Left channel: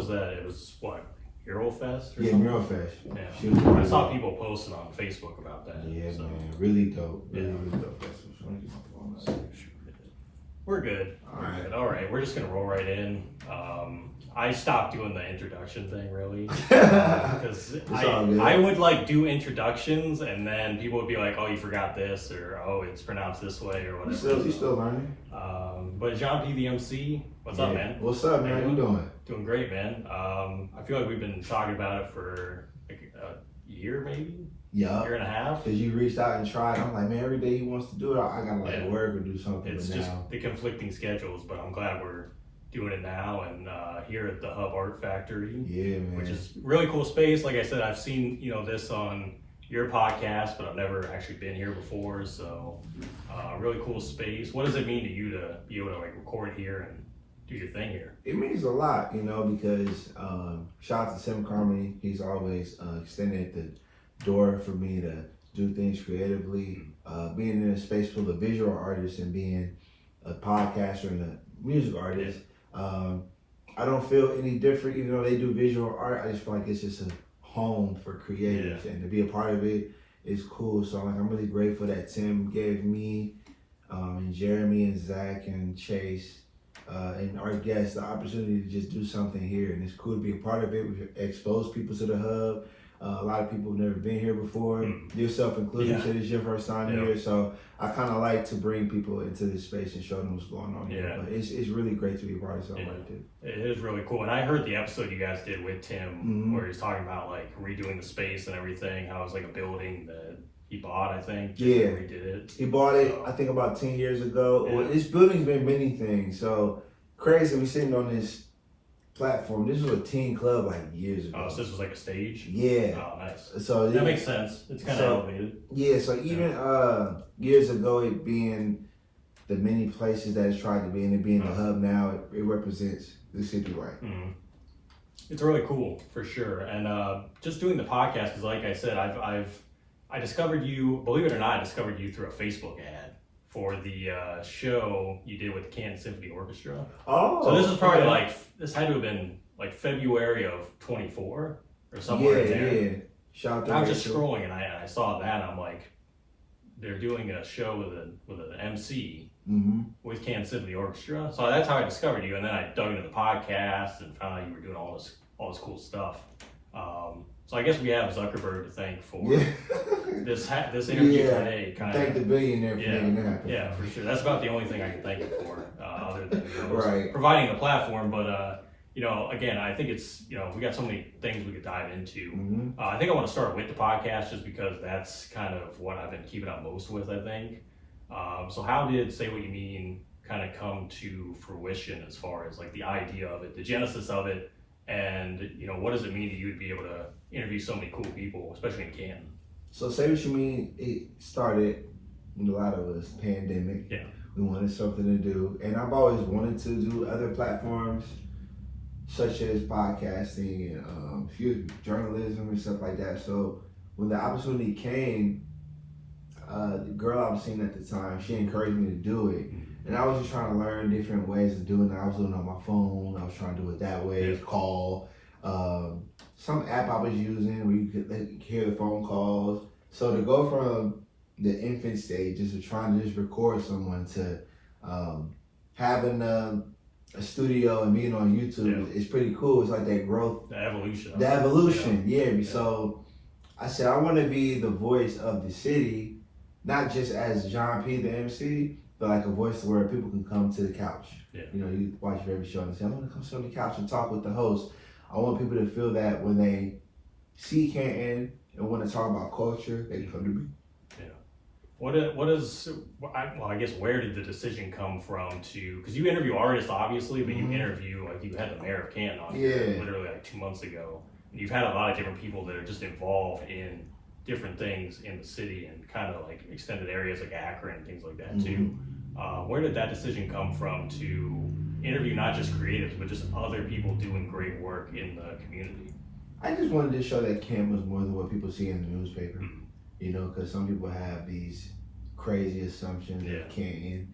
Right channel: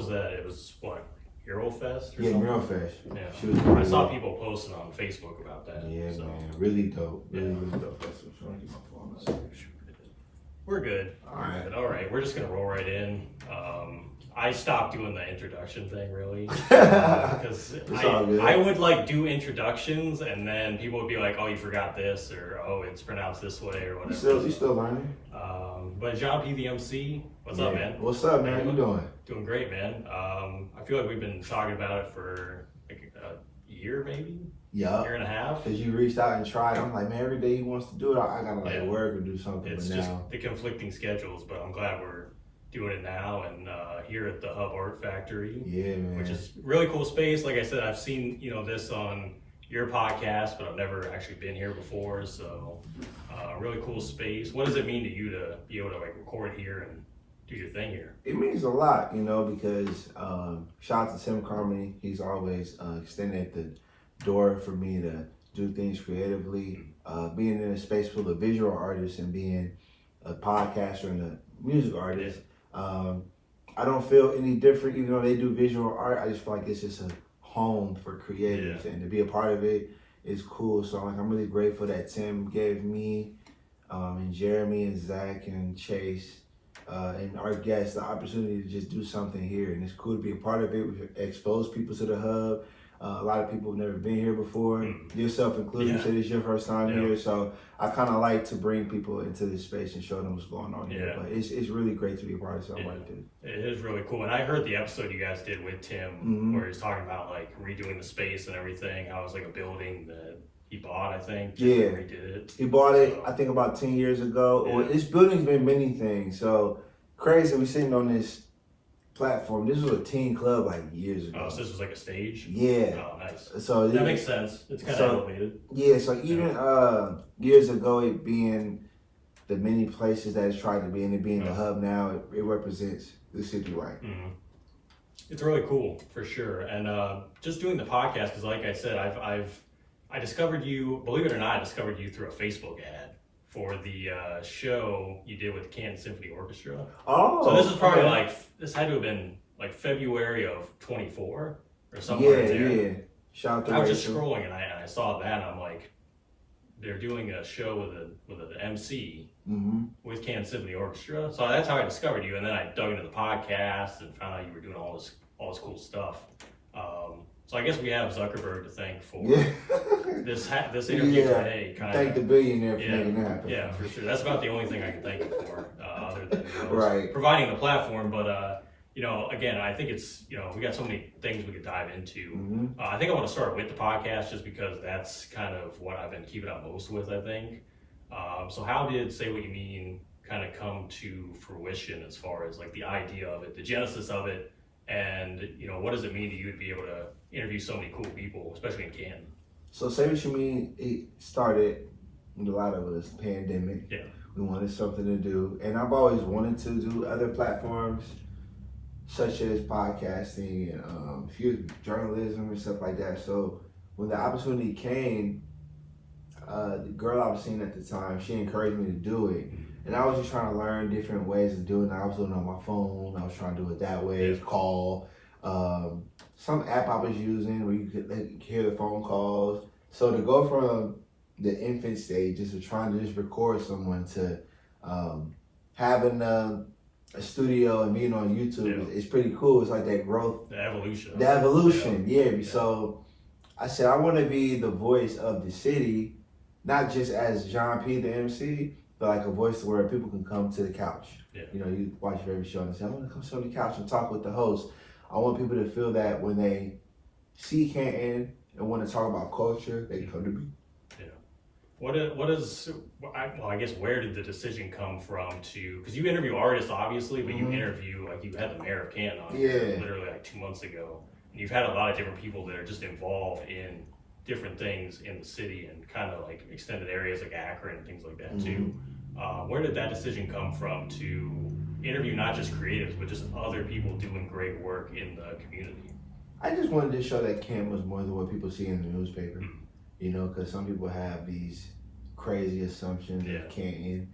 was that? It was what? Mural Fest or Yeah, something? Mural Fest. Yeah. I saw people posting on Facebook about that. Yeah, so. man. Really dope. Really dope. That's what I'm trying to We're good. All right. All right. We're just going to roll right in. I stopped doing the introduction thing really because I would like do introductions and then people would be like, oh, you forgot this, or oh, it's pronounced this way, or whatever. You still learning? But Jéan P The MC, what's up, man? What's up, man? How you doing? Doing great, man. I feel like we've been talking about it for like a year, maybe. Yeah. Year and a half. Because you reached out and tried. I'm like, man, every day he wants to do it, I gotta like work or do something. It's just the conflicting schedules, but I'm glad we're doing it now and here at the Hub Art Factory. Yeah, man. Which is really cool space. Like I said, I've seen this on your podcast, but I've never actually been here before. So really cool space. What does it mean to you to be able to like record here and do your thing here? It means a lot, because shout out to Tim Carmody. He's always extended the door for me to do things creatively. Being in a space full of visual artists and being a podcaster and a music artist, I don't feel any different. Even though they do visual art, I just feel like it's just a home for creatives, and to be a part of it is cool. So like, I'm really grateful that Tim gave me and Jeremy and Zach and Chase and our guests the opportunity to just do something here, and it's cool to be a part of it. We expose people to the Hub. A lot of people have never been here before, yourself included. You said it's your first time here, so I kind of like to bring people into this space and show them what's going on here. But it's really great to be a part of something like this. It is really cool, and I heard the episode you guys did with Tim where he's talking about like redoing the space and everything. How it was like a building that he bought, I think. Yeah, redid it. He bought it, I think, about 10 years ago. Well, this building's been many things, so crazy. We sitting on this platform. This was a teen club like years ago. Oh, so this was like a stage? Yeah. Oh, nice. So that makes sense. It's kind of elevated. Yeah, so even years ago, it being the many places that it's tried to be, and it being the Hub now, it represents the city right. It's really cool, for sure. And just doing the podcast, because like I said, I discovered you, believe it or not, I discovered you through a Facebook ad for the show you did with the Canton Symphony Orchestra. Oh, so this is probably this had to have been like February of 24 or somewhere in there. Yeah. Shout out to I was just scrolling and I saw that and I'm like, they're doing a show with an MC with Canton Symphony Orchestra. So that's how I discovered you. And then I dug into the podcast and found out you were doing all this cool stuff. So I guess we have Zuckerberg to thank for this interview today. Thank the billionaire for making that happen. Yeah, for sure. That's about the only thing I can thank you for, other than providing the platform. But again, I think it's we got so many things we could dive into. I think I want to start with the podcast just because that's kind of what I've been keeping up most with. I think. So how did Say What You Mean kind of come to fruition as far as like the idea of it, the genesis of it? And what does it mean to you to be able to interview so many cool people, especially in Canton? So Say What You Mean, it started with a lot of us, pandemic. Yeah. We wanted something to do. And I've always wanted to do other platforms, such as podcasting and journalism and stuff like that. So when the opportunity came, the girl I was seeing at the time, she encouraged me to do it. And I was just trying to learn different ways of doing it. I was doing it on my phone. I was trying to do it that way, call. Some app I was using where you could hear the phone calls. So to go from the infant stages of trying to just record someone to having a studio and being on YouTube is pretty cool. It's like that growth. The evolution. The evolution, yeah. So I said, I want to be the voice of the city, not just as Jéan P The MC, but like a voice where people can come to the couch. Yeah. You watch your favorite show and say, I'm gonna come sit on the couch and talk with the host. I want people to feel that when they see Canton and want to talk about culture, they come to me. Yeah. I guess where did the decision come from because you interview artists obviously, but you interview, like you had the mayor of Canton on here literally like 2 months ago. And you've had a lot of different people that are just involved in different things in the city and kind of like extended areas like Akron and things like that too. Where did that decision come from to interview not just creatives, but just other people doing great work in the community? I just wanted to show that Canton was more than what people see in the newspaper, because some people have these crazy assumptions of Canton,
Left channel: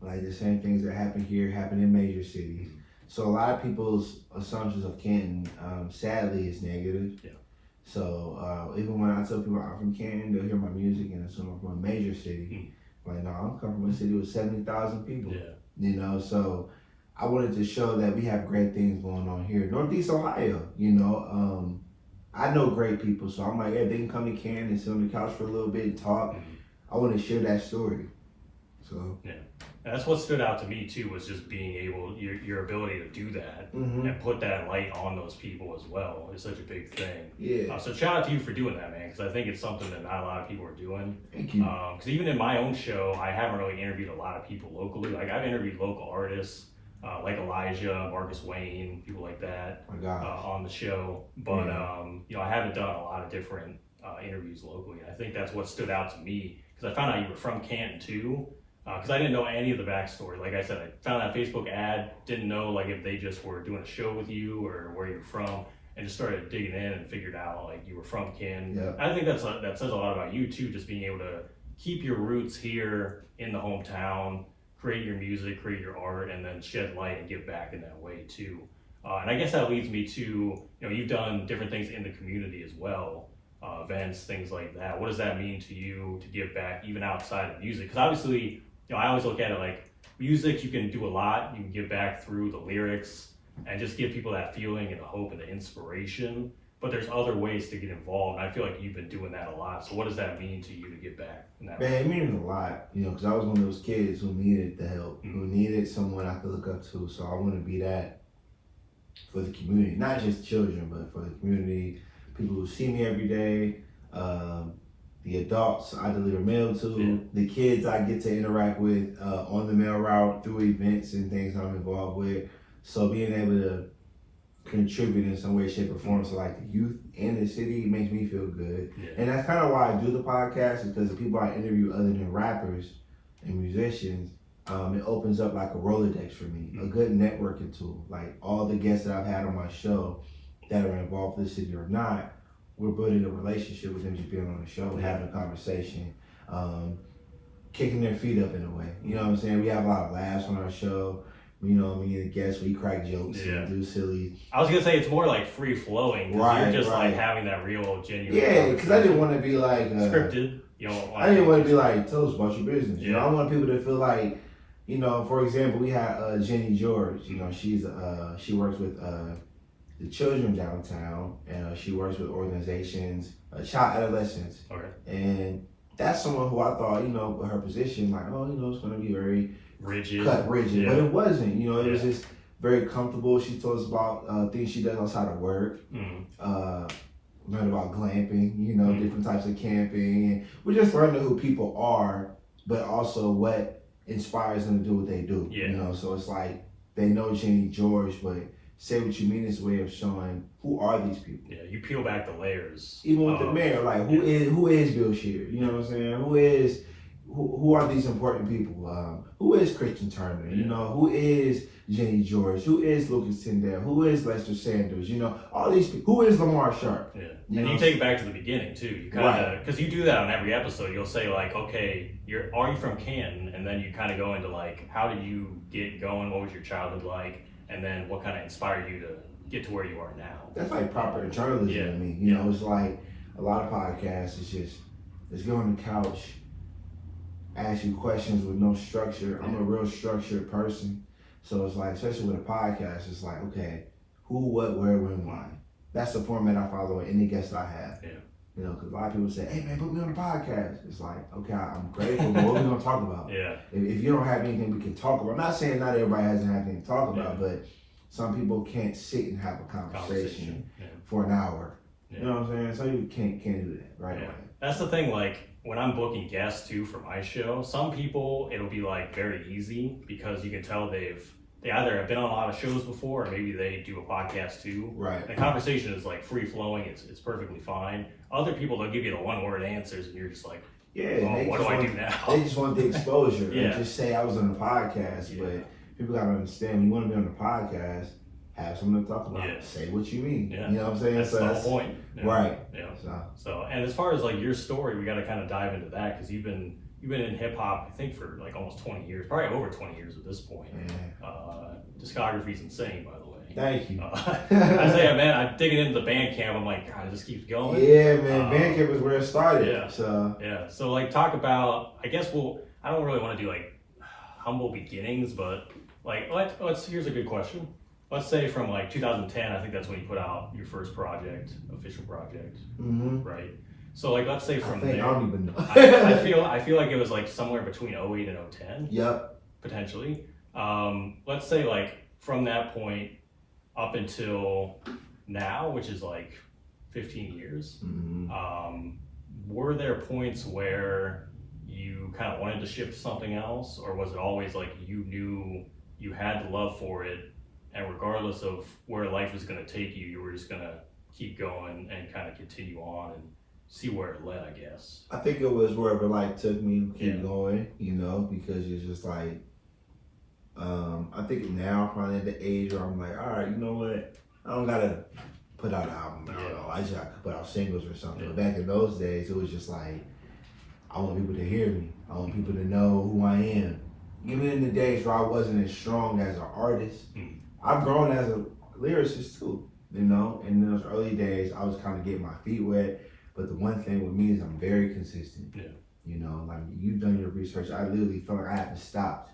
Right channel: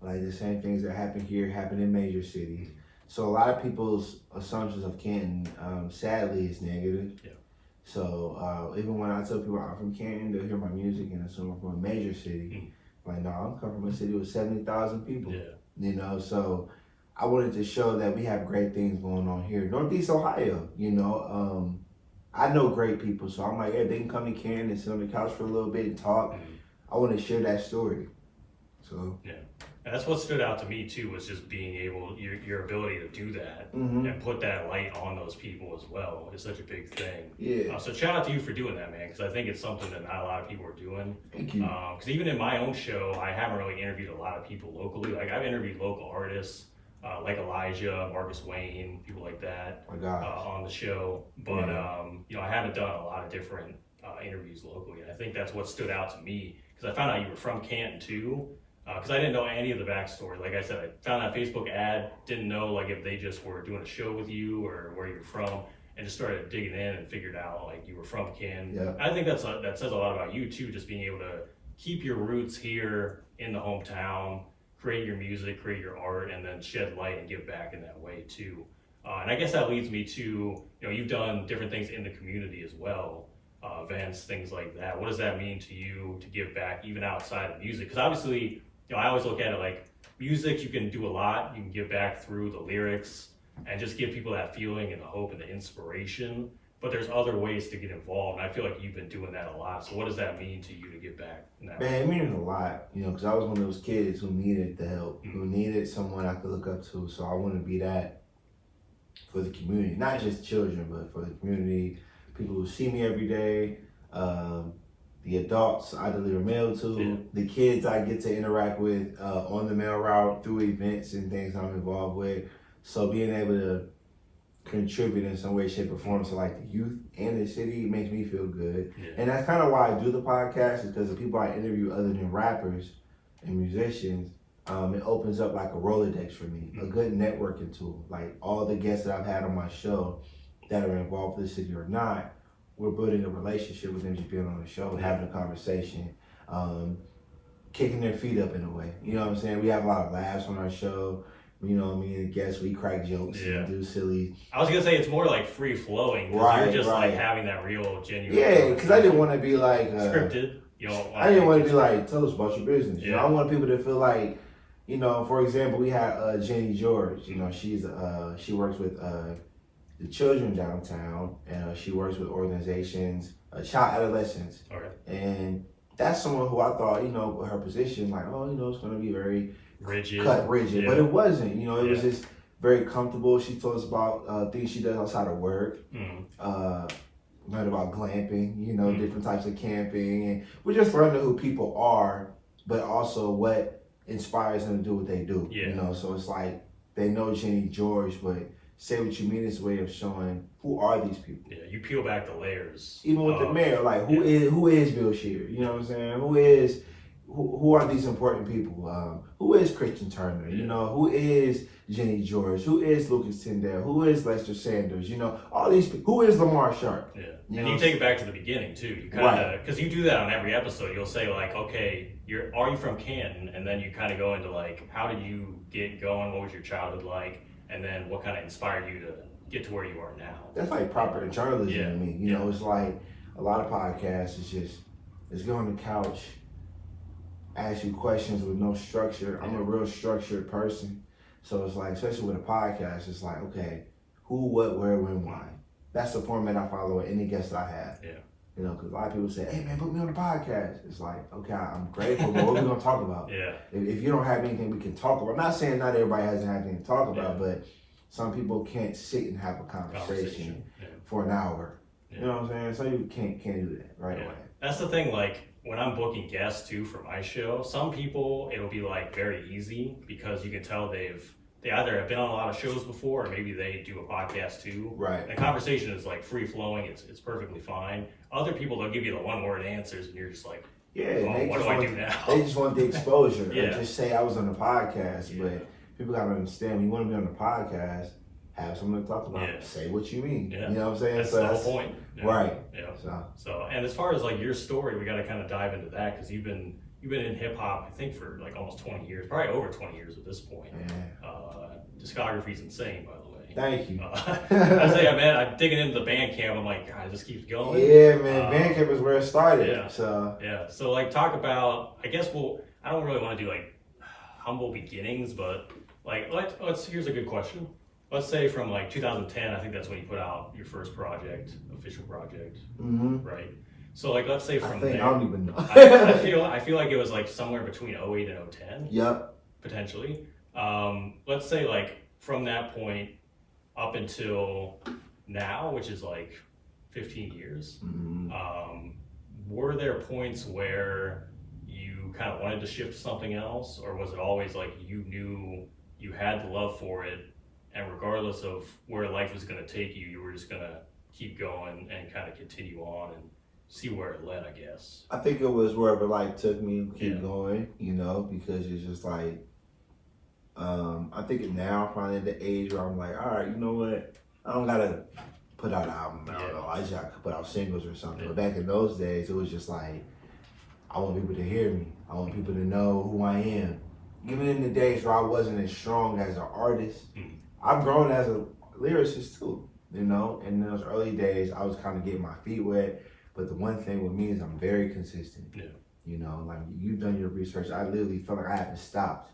like the same things that happen here happen in major cities. So a lot of people's assumptions of Canton, sadly, is negative. Yeah. So even when I tell people I'm from Canton, they'll hear my music and assume I'm from a major city. Like, no, I'm coming from a city with 70,000 people. Yeah. You know, so I wanted to show that we have great things going on here. Northeast Ohio, you know. I know great people, so I'm like, yeah, they can come to Canton and sit on the couch for a little bit and talk. I want to share that story. So yeah, and that's what stood out to me too, was just being able, your ability to do that and put that light on those people as well is such a big thing. Yeah. So shout out to you for doing that, man, because I think it's something that not a lot of people are doing. Thank you. Because even in my own show, I haven't really interviewed a lot of people locally. Like I've interviewed local artists. Like Elijah, Marcus Wayne, people like that on the show. But, you know, I haven't done a lot of different interviews locally. And I think that's what stood out to me, because I found out you were from Canton too, because I didn't know any of the backstory. Like I said, I found that Facebook ad, didn't know like if they just were doing a show with you or where you're from, and just started digging in and figured out like you were from Canton. Yeah. I think that says a lot about you too, just being able to keep your roots here in the hometown, create your music, create your art, and then shed light and give back in that way too. And I guess that leads me to, you know, you've done different things in the community as well, events, things like that. What does that mean to you to give back even outside of music? Because obviously, you know, I always look at it like music, you can do a lot. You can give back through the lyrics and just give people that feeling and the hope and the inspiration. But there's other ways to get involved, and I feel like you've been doing that a lot. So what does that mean to you to give back in that way? Man, it means a lot, you know, because I was one of those kids who needed the help, who needed someone I could look up to. So I want to be that for the community, not just children, but for the community, people who see me every day, the adults I deliver mail to, the kids I get to interact with on the mail route through events and things I'm involved with. So being able to contribute in some way, shape, or form to like the youth and the city makes me feel good. And that's kind of why I do the podcast, is because the people I interview other than rappers and musicians, it opens up like a Rolodex for me, a good networking tool. Like all the guests that I've had on my show that are involved with the city or not, we're building a relationship with them, just being on the show, having a conversation, kicking their feet up in a way. You know what I'm saying? We have a lot of laughs on our show. You know, me and the guests, we crack jokes and do silly. I was gonna say it's more like free flowing, because you're just like having that real, genuine. Yeah, because I didn't want to be like scripted. You know, I didn't want to be like, tell us about your business. You know, I want people to feel like, you know, for example, we had Jenny George. You know, she works with the children downtown, and she works with organizations, child adolescents. Okay. And that's someone who I thought, you know, with her position, like, oh, you know, it's going to be very rigid, but it wasn't. You know, it was just very comfortable. She told us about things she does outside of work. Learned about glamping, you know, different types of camping, and we're just learning who people are, but also what inspires them to do what they do. You know, so it's like they know Jenny George, but say what you mean is a way of showing who are these people. Yeah, you peel back the layers. Even with the mayor, like who is Bill Shear? You know what I'm saying? Who are these important people? Who is Christian Turner? You know, who is Jenny George? Who is Lucas Tyndale? Who is Lester Sanders? You know, all these people. Who is Lamar Sharp? Yeah, and you take it back to the beginning too. You kind of, because you do that on every episode. You'll say like, okay, are you from Canton? And then you kind of go into like, how did you get going? What was your childhood like? And then what kind of inspired you to get to where you are now? That's like proper journalism to me. You know, it's like a lot of podcasts. It's just, let's get on the couch, ask you questions with no structure. I'm a real structured person. So it's like, especially with a podcast, it's like, okay, who, what, where, when, why. That's the format I follow with any guest I have. Yeah. You know, because a lot of people say, hey man, put me on the podcast. It's like, okay, I'm grateful, but what are we going to talk about? If you don't have anything we can talk about, I'm not saying not everybody has anything to talk about, but some people can't sit and have a conversation for an hour. You know what I'm saying? Some people can't do that right away. That's the thing, like, when I'm booking guests too for my show, some people, it'll be like very easy because you can tell they either have been on a lot of shows before, or maybe they do a podcast too. Right. The conversation is like free flowing. It's perfectly fine. Other people, they'll give you the one word answers, and you're just like, what do I do now? They just want the exposure. And just say I was on the podcast, but people gotta understand when you want to be on the podcast, have someone to talk about. Say what you mean. You know what I'm saying? That's the whole point. Right. So, and as far as like your story, we got to kind of dive into that, because you've been you've been in hip hop, I think, for like almost 20 years, probably over 20 years at this point. Yeah. Discography's insane, by the way. Thank you. I say, man, I'm digging into the Bandcamp. I'm like, God, it just keeps going. Yeah, man. Bandcamp is where it started. Yeah. So like, talk about. I guess I don't really want to do like humble beginnings, but like, let's. Here's a good question. Let's say from like 2010, I think that's when you put out your first project, official project, right? So like, let's say from there. I don't even know. I feel like it was like somewhere between 08 and 010. Yep. Potentially. Let's say like from that point up until now, which is like 15 years, were there points where you kind of wanted to shift to something else, or was it always like you knew you had the love for it, and regardless of where life was going to take you, you were just going to keep going and kind of continue on and see where it led, I guess? I think it was wherever life took me, keep going, because it's just like, I think now I'm probably at the age where I'm like, all right, you know what? I don't gotta put out an album. I don't know. I just gotta put out singles or something. But back in those days, it was just like, I want people to hear me. I want people to know who I am. Even in the days where I wasn't as strong as an artist, I've grown as a lyricist too, And in those early days, I was kind of getting my feet wet. But the one thing with me is I'm very consistent. Yeah. Like you've done your research. I literally feel like I haven't stopped.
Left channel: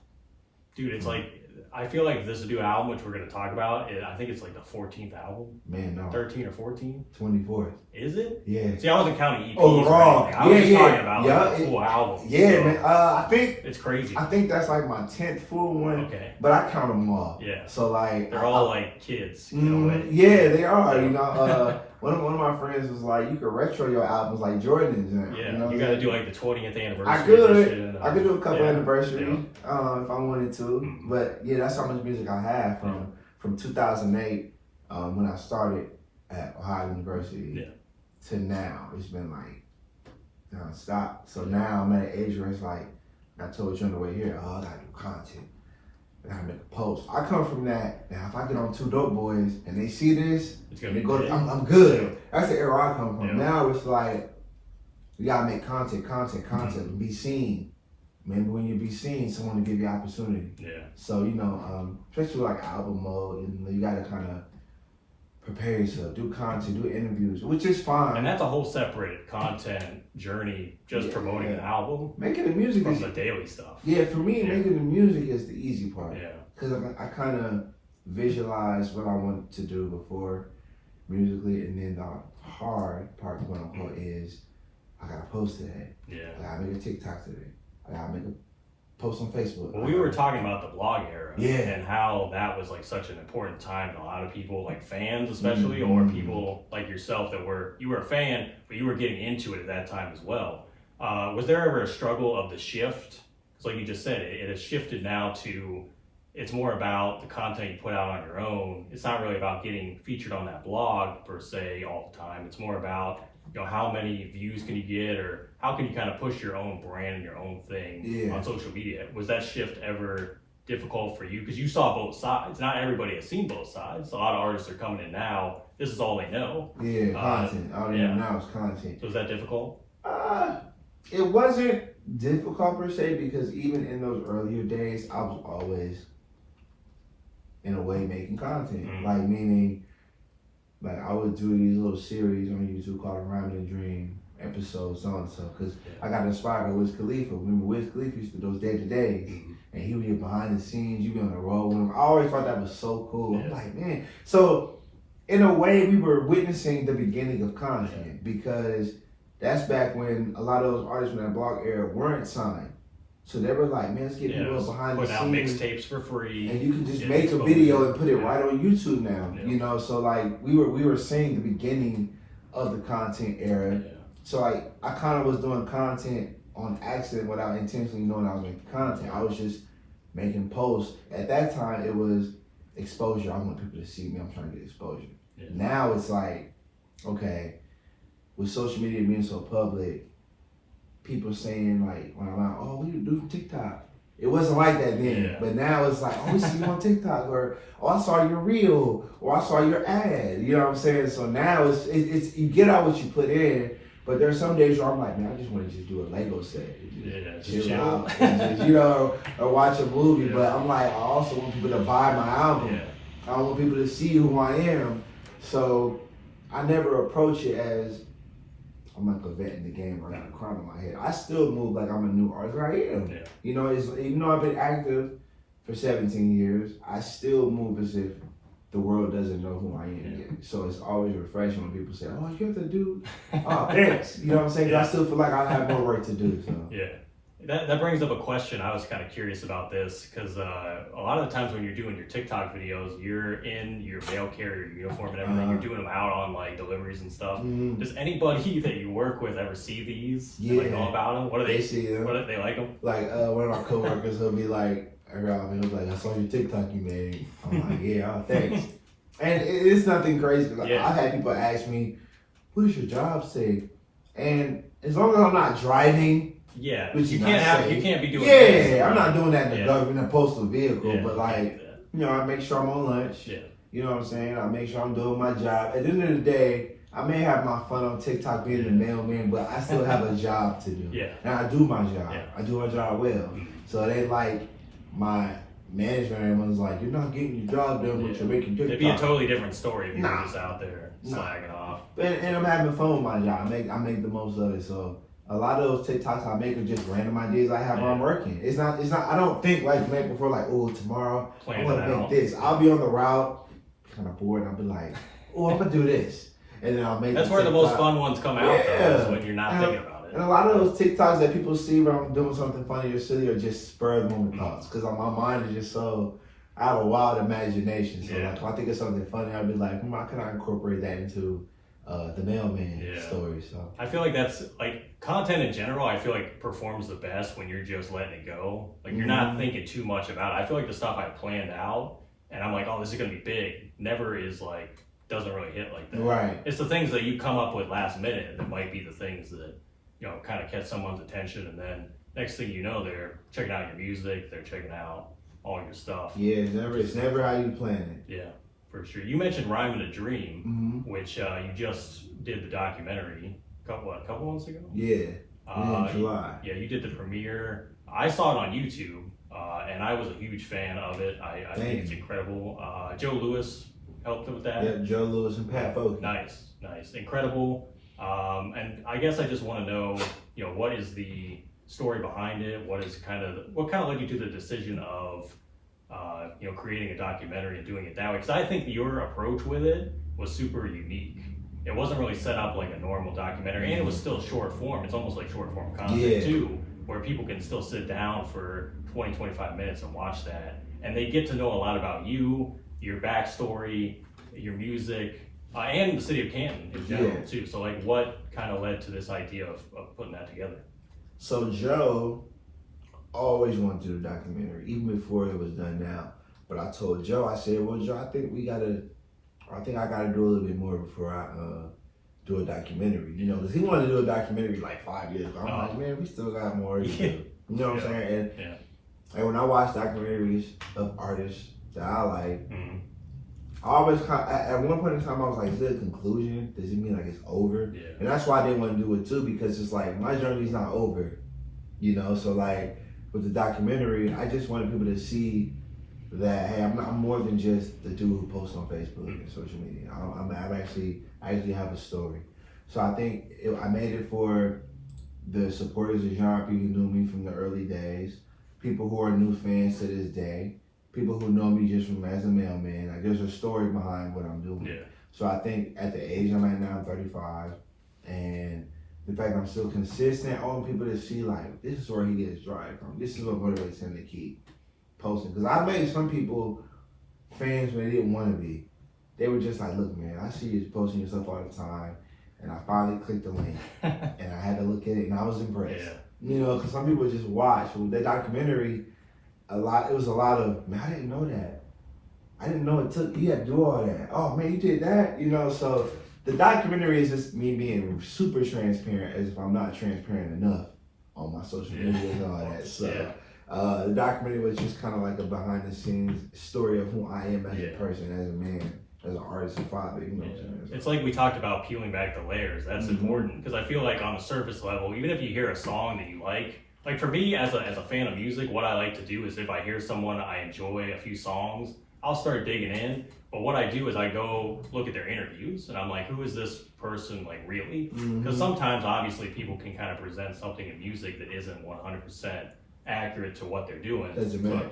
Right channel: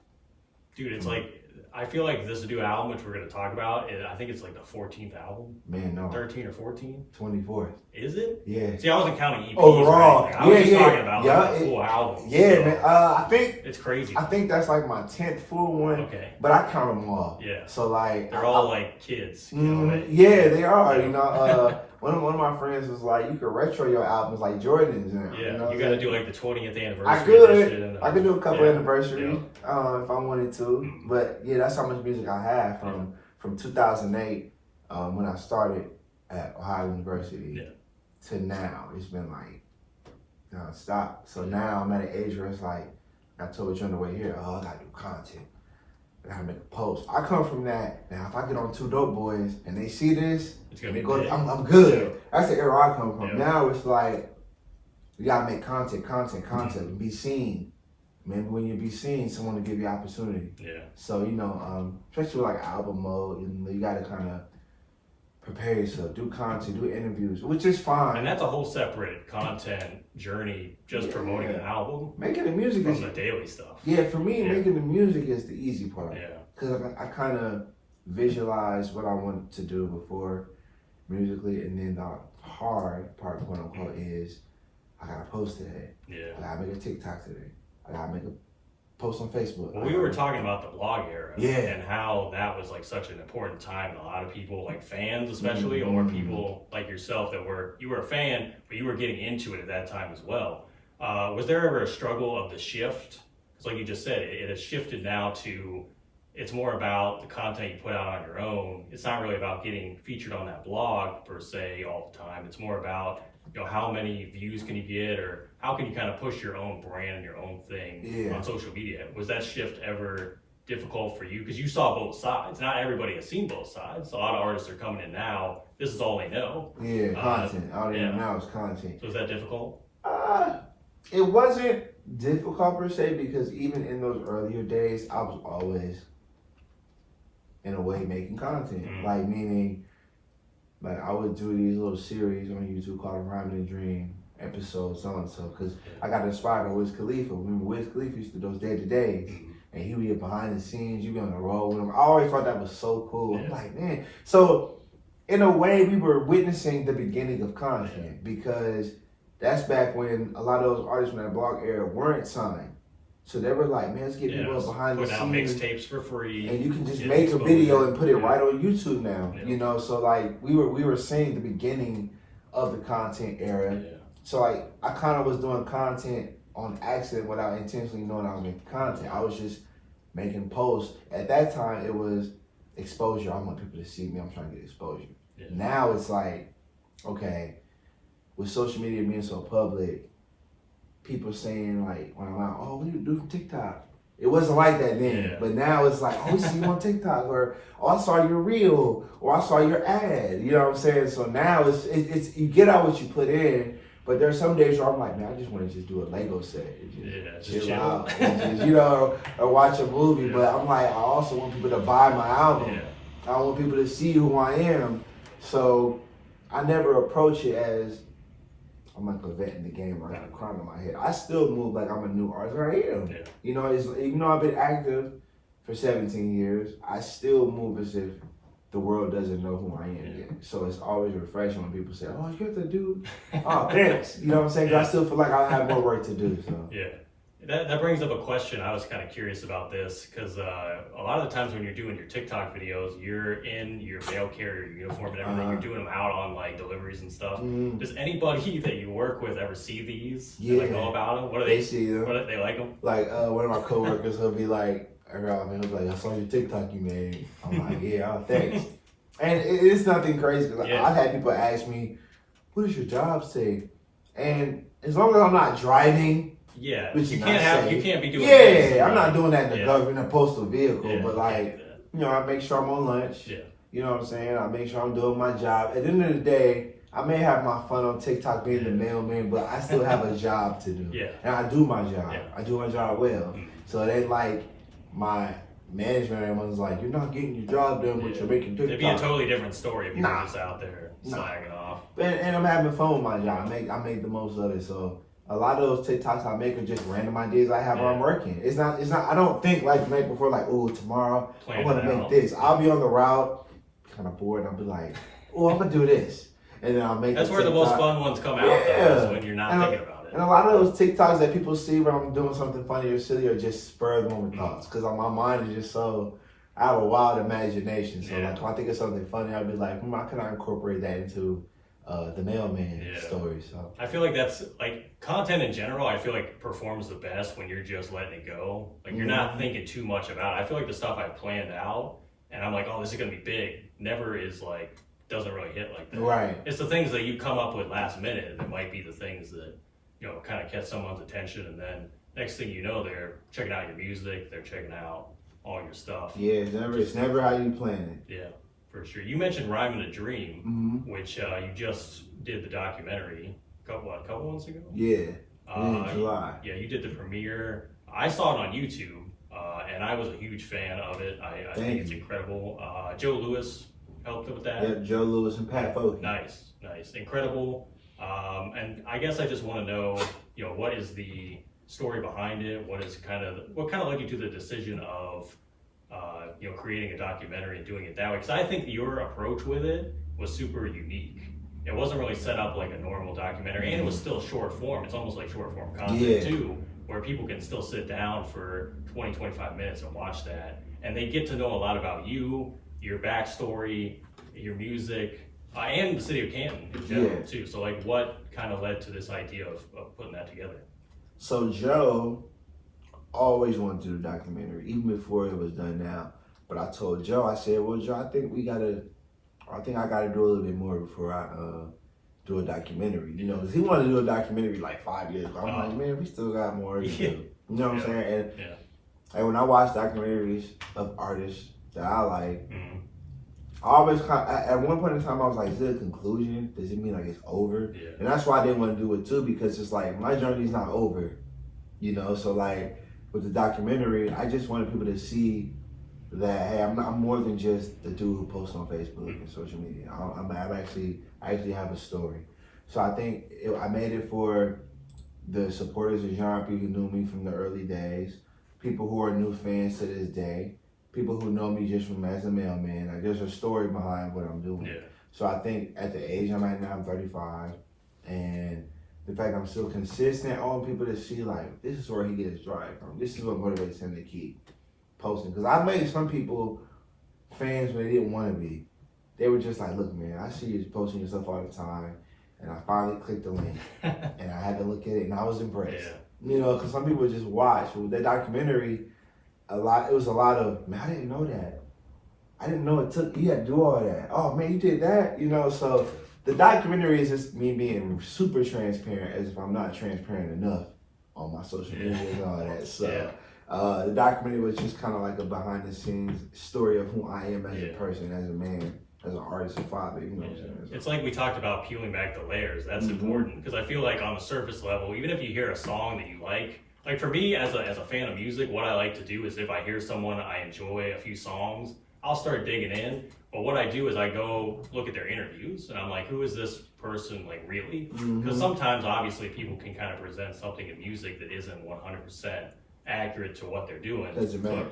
Dude, it's like, I feel like this new album, which we're going to talk about, I think it's like the 14th album. Man, no. 13 or 14? 24th. Is it? Yeah. See, I wasn't counting EPs overall. or anything. I was just talking about like the full album. Yeah, so man. I think it's crazy. I think that's like my 10th full one. Okay. But I count them all. Yeah. So like they're all like kids. Yeah, they are. One of my friends was like, you could retro your albums like Jordan's. You got to do like the 20th anniversary. I could do a couple anniversaries if I wanted to. But yeah, that's how much music I have from 2008 when I started at Ohio University to now. It's been like non-stop. So now I'm at an age where it's like, I told you on the way here, I gotta do content. I gotta make a post. I come from that. Now, if I get on Two Dope Boys and they see this, and they go, I'm good. Yeah. That's the era I come from. Yeah. Now it's like, you gotta make content, and be seen. Maybe when you be seen, someone will give you opportunity. Yeah. So, especially with like album mode, you gotta kind of prepare yourself, do content, do interviews, which is fine. And that's a whole separate content journey, just promoting an album. Making the music from the daily stuff. Yeah, for me, making the music is the easy part. Yeah. Because I kind of visualize what I want to do before musically, and then the hard part, quote unquote, is I gotta post today. Yeah. I gotta make a TikTok today. I gotta make a post on Facebook. Well, we were talking about the blog era and how that was like such an important time, and a lot of people, like fans especially, or people like yourself you were a fan, but you were getting into it at that time as well. Was there ever a struggle of the shift? Because like you just said, it has shifted now to, it's more about the content you put out on your own. It's not really about getting featured on that blog per se all the time. It's more about, how many views can you get, or how can you kind of push your own brand, your own thing on social media? Was that shift ever difficult for you? Because you saw both sides. Not everybody has seen both sides. A lot of artists are coming in now. This is all they know. Yeah, content. All they know now is content. So was that difficult? It wasn't difficult per se, because even in those earlier days, I was always, in a way, making content. Like, meaning, like I would do these little series on YouTube called Rhyme and Dream episodes, so and so, because I got inspired by Wiz Khalifa. Remember, Wiz Khalifa used to do those day-to-days, and he would get behind the scenes, you'd be on the road with him. I always thought that was so cool. I'm like, man. So, in a way, we were witnessing the beginning of content, because that's back when a lot of those artists from that blog era weren't signed. So they were like, man, let's get people behind the scenes. Put out mixtapes for free. And you can just make a video and put it right on YouTube now. So like we were seeing the beginning of the content era. Yeah. So like I kind of was doing content on accident without intentionally knowing I was making content. I was just making posts. At that time it was exposure. I want people to see me. I'm trying to get exposure. Yeah. Now it's like, okay, with social media being so public, people saying like when I'm out, oh, what do you do for TikTok? It wasn't like that then, but now it's like, oh, we see you on TikTok, or oh, I saw your reel, or I saw your ad. You know what I'm saying? So now it's you get out what you put in, But there's some days where I'm like, man, I just want to just do a Lego set. Just chill out. And just, or watch a movie. But I'm like, I also want people to buy my album. I want people to see who I am. So I never approach it as I'm like a vet in the game. I got a crown on my head. I still move like I'm a new artist. I am. You know, even though I've been active for 17 years, I still move as if the world doesn't know who I am yet. So it's always refreshing when people say, oh, you have to do, oh, thanks. You know what I'm saying? I still feel like I have more work to do. So. Yeah. That brings up a question. I was kind of curious about this because a lot of the times when you're doing your TikTok videos, you're in your mail carrier uniform and everything. You're doing them out on like deliveries and stuff. Does anybody that you work with ever see these? Yeah. Like know about them? What do they see them? What do they like them? Like one of my coworkers will be like, he'll be like, I saw your TikTok you made. I'm like, yeah, thanks. And it's nothing crazy. Like, I've had people ask me, what does your job say? And as long as I'm not driving. Yeah, which you can't be doing this. Yeah, I'm not doing that in the government, in a postal vehicle, but like, you know, I make sure I'm on lunch. Yeah. You know what I'm saying? I make sure I'm doing my job. At the end of the day, I may have my fun on TikTok being the mailman, but I still have a job to do. Yeah. And I do my job. Yeah. I do my job well. So it ain't like my management was like, you're not getting your job done, but you're making TikTok. It'd be a totally different story if you were just out there slagging off. And I'm having fun with my job. I make the most of it. So a lot of those TikToks I make are just random ideas I have while I'm working. It's not, I don't think like the night before, like, oh, tomorrow I want to make this. I'll be on the route, kind of bored, and I'll be like, oh, I'm going to do this. And then I'll make That's where the most fun ones come out, though, is when you're not thinking about it. And a lot of those TikToks that people see when I'm doing something funny or silly are just spur of the moment thoughts. Because my mind is just so, I have a wild imagination. So like, if I think of something funny, I'll be like, how can I incorporate that into the mailman story? So I feel like that's like content in general. I feel like performs the best when you're just letting it go. Like you're not thinking too much about it. I feel like the stuff I planned out and I'm like, oh, this is gonna be big, never is like, doesn't really hit like that. Right. It's the things that you come up with last minute that might be the things that, you know, kind of catch someone's attention, and then next thing you know, they're checking out your music, they're checking out all your stuff. Yeah, it's never how you plan it. Yeah. For sure. You mentioned Rhyme and a Dream, which you just did the documentary a couple months ago? Yeah, in July. You did the premiere. I saw it on YouTube, and I was a huge fan of it. I think it's incredible. Joe Lewis helped with that. Yeah, Joe Lewis and Pat Foley. Nice. Incredible. And I guess I just want to know, you know, what is the story behind it? What kind of led you to the decision of you know, creating a documentary and doing it that way? Because I think your approach with it was super unique. It wasn't really set up like a normal documentary, and it was still short form. It's almost like short form content too, where people can still sit down for 20-25 minutes and watch that, and they get to know a lot about you, your backstory, your music, and the city of Canton in general too. So like, what kind of led to this idea of putting that together? So Joe always wanted to do a documentary, even before it was done now. But I told Joe, I said, well, Joe, I think I gotta do a little bit more before I do a documentary, you know, because he wanted to do a documentary like 5 years ago. I'm like, man, we still got more to do. You know what I'm saying? And when I watch documentaries of artists that I like, I always at one point in time I was like, is it a conclusion? Does it mean like it's over? And that's why I didn't want to do it too, because it's like my journey's not over, you know. So like with the documentary, I just wanted people to see that, hey, I'm more than just the dude who posts on Facebook and social media. I actually have a story. So I think I made it for the supporters of Jéan P who knew me from the early days, people who are new fans to this day, people who know me just from as a mailman. Like, there's a story behind what I'm doing. So I think at the age I'm at now, I'm 35, and the fact I'm still consistent, I want people to see like, this is where he gets drive from. This is what motivates him to keep posting. Because I made some people fans when they didn't want to be. They were just like, look, man, I see you posting your stuff all the time, and I finally clicked the link, and I had to look at it, and I was impressed. You know, because some people just watch. With that documentary, it was a lot of, man, I didn't know that. I didn't know you had to do all that. Oh, man, you did that? You know, so the documentary is just me being super transparent, as if I'm not transparent enough on my social media and all that. So the documentary was just kind of like a behind the scenes story of who I am as a person, as a man, as an artist and father. You know what I'm saying? It's like we talked about peeling back the layers. That's important because I feel like on the surface level, even if you hear a song that you like for me as a fan of music, what I like to do is if I hear someone I enjoy a few songs, I'll start digging in. But what I do is I go look at their interviews and I'm like, who is this person like really? Because sometimes obviously people can kind of present something in music that isn't 100% accurate to what they're doing. Doesn't matter.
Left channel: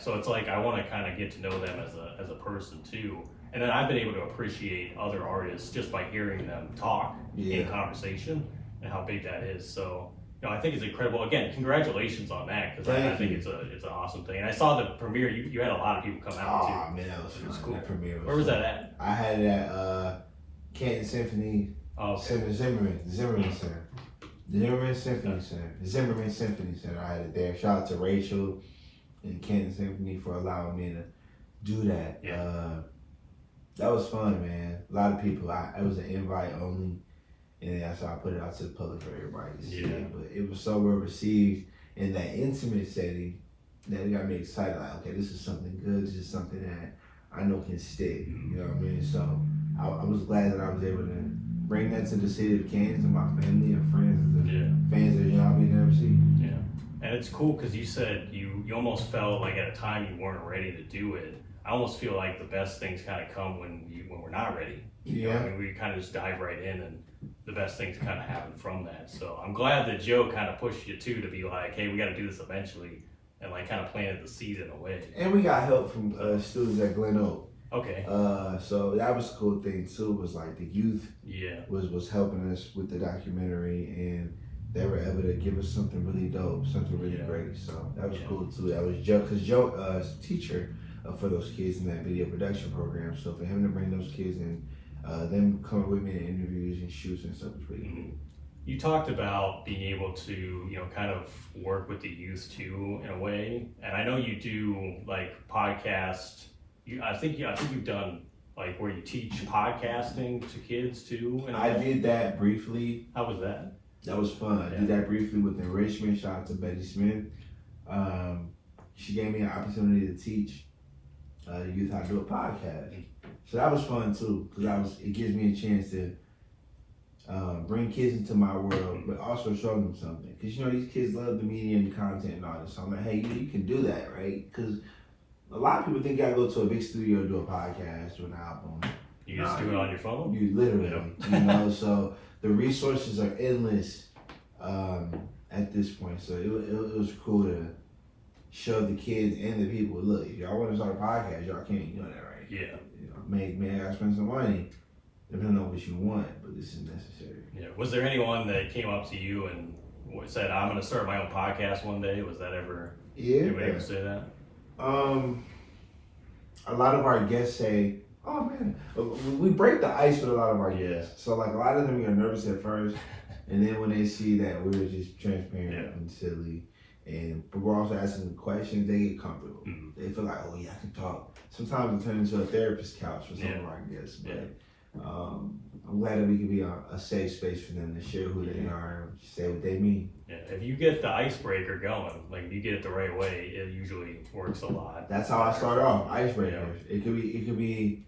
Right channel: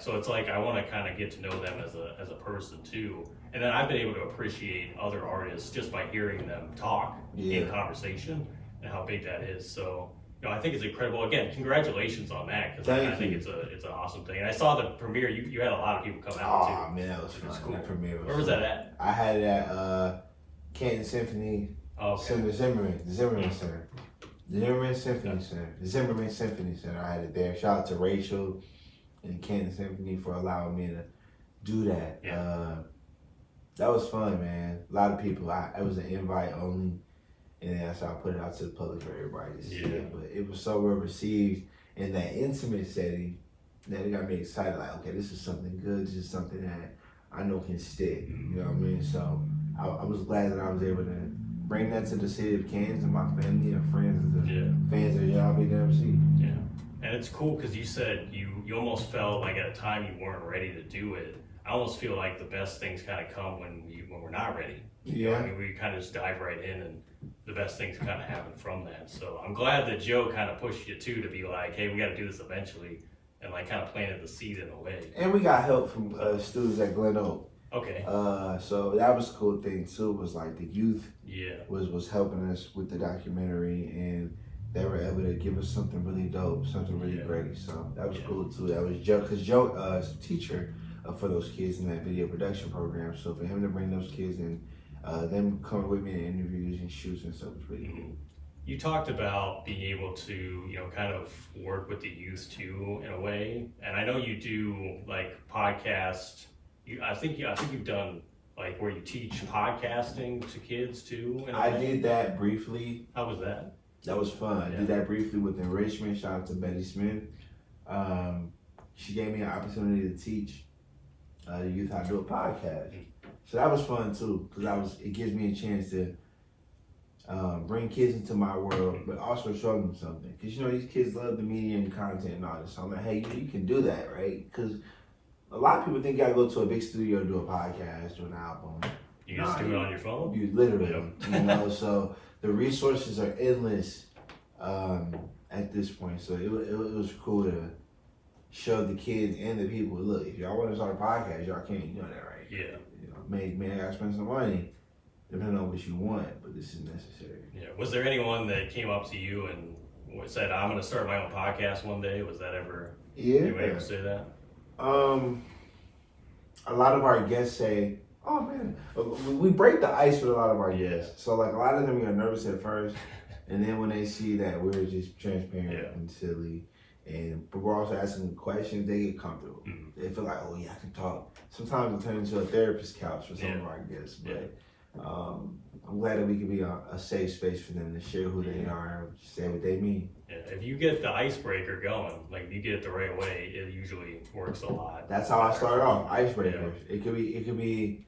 So it's like I want to kind of get to know them as a person too. And then I've been able to appreciate other artists just by hearing them talk in conversation and how big that is. So, I think it's incredible. Again, congratulations on that because I think it's an awesome thing. And I saw the premiere. You had a lot of people come out too. Oh man, that was fun. Cool. That premiere was Where was that at? I had it at Canton Symphony Center, Zimmerman Center. Zimmerman Symphony Center. I had it there. Shout out to Rachel and Canton Symphony for allowing me to do that. That was fun, man. A lot of people. It was an invite only. And that's how I put it out to the public for everybody to see. But it was so well received in that intimate setting that it got me excited. Like, okay, this is something good. This is something that I know can stick. You know what I mean? So I was glad that I was able to bring that to the city of Kansas and my family and friends and fans of Jéan P The MC. Yeah. And it's cool because you said you almost felt like at a time you weren't ready to do it. I almost feel like the best things kind of come when we're not ready. You know, I mean, we kind of just dive right in and the best things kind of happen from that. So I'm glad that Joe kind of pushed you too to be like, hey, we got to do this eventually, and like kind of planted the seed in a way. And we got help from students at Glen Oak. Okay. So that was a cool thing too. Was like the youth was helping us with the documentary, and they were able to give us something really dope, something really great. So that was cool too. That was Joe, because Joe is a teacher for those kids in that video production program. So for him to bring those kids in. Them coming with me in interviews and shoots and stuff was pretty cool. You talked about being able to, kind of work with the youth too in a way, and I know you do like podcast. I think you've done like where you teach podcasting to kids too. I did that briefly. How was that? That was fun. I did that briefly with Enrichment. Shout out to Betty Smith. She gave me an opportunity to teach the youth how to do a podcast. So that was fun too, because it gives me a chance to bring kids into my world, but also show them something. Because these kids love the media and content and all this. So I'm like, hey, you can do that, right? Because a lot of people think you gotta go to a big studio to do a podcast or an album. You just do it on your phone? You literally, so the resources are endless at this point. So it was cool to show the kids and the people, look, if y'all want to start a podcast, y'all can, you know that, right? Yeah. May I spend some money, depending on what you want, but this is necessary. Yeah. Was there anyone that came up to you and said, I'm going to start my own podcast one day? Was that ever, anybody ever say that? A lot of our guests say, oh man, we break the ice with a lot of our guests. So like a lot of them are nervous at first, and then when they see that we're just transparent and silly, but we're also asking questions, they get comfortable. They feel like, oh yeah, I can talk. Sometimes it turns into a therapist couch for some of our guests, but I'm glad that we can be a safe space for them to share who they are and say what they mean. Yeah, if you get the icebreaker going, like if you get it the right way, it usually works a lot. That's how I start off, icebreakers. Yeah. It could be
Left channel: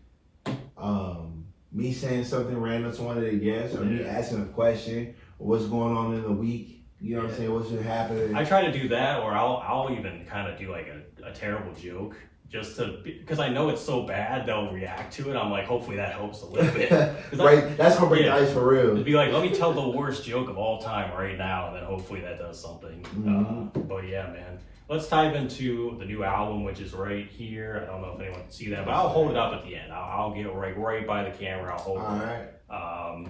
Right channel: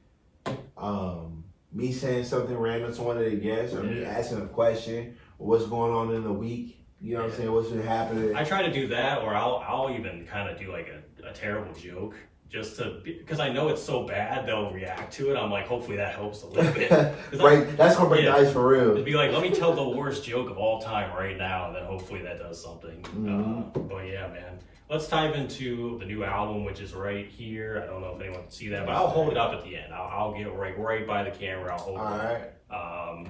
me saying something random to one of the guests, or me asking a question, or what's going on in the week. You know what I'm saying? What's been happening? I try to do that, or I'll even kind of do like a terrible joke. Just because I know it's so bad, they'll react to it. I'm like, hopefully that helps a little bit. Right, that's gonna break the ice for real. It'd be like, let me tell the worst joke of all time right now, and then hopefully that does something. But yeah, man. Let's dive into the new album, which is right here. I don't know if anyone can see that, but I'll hold it up at the end. I'll get right by the camera. I'll hold it. All right.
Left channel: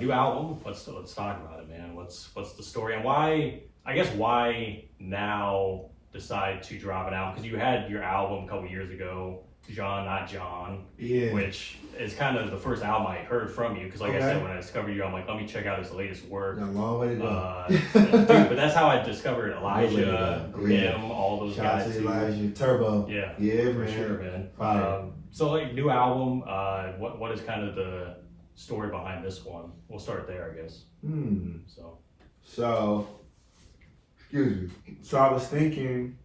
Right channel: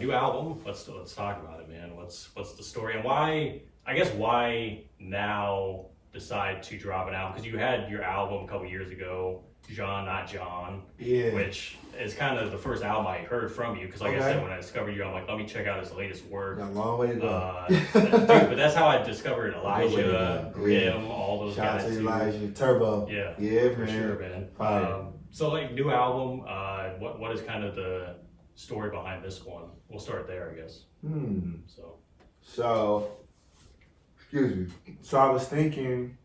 New album. Let's talk about it, man. What's the story and why? I guess why now decide to drop an album? Because you had your album a couple years ago, Jean, Not John, which is kind of the first album I heard from you. Because like I said, when I discovered you, I'm like, let me check out his latest work. Got a long way to go. Dude, but that's how I discovered Elijah, Grim, all those Shout guys. Shout out to Elijah, Turbo. Yeah, for sure, man. So like new album, what is kind of the story behind this one? We'll start there, I guess. So, excuse me. So I was thinking,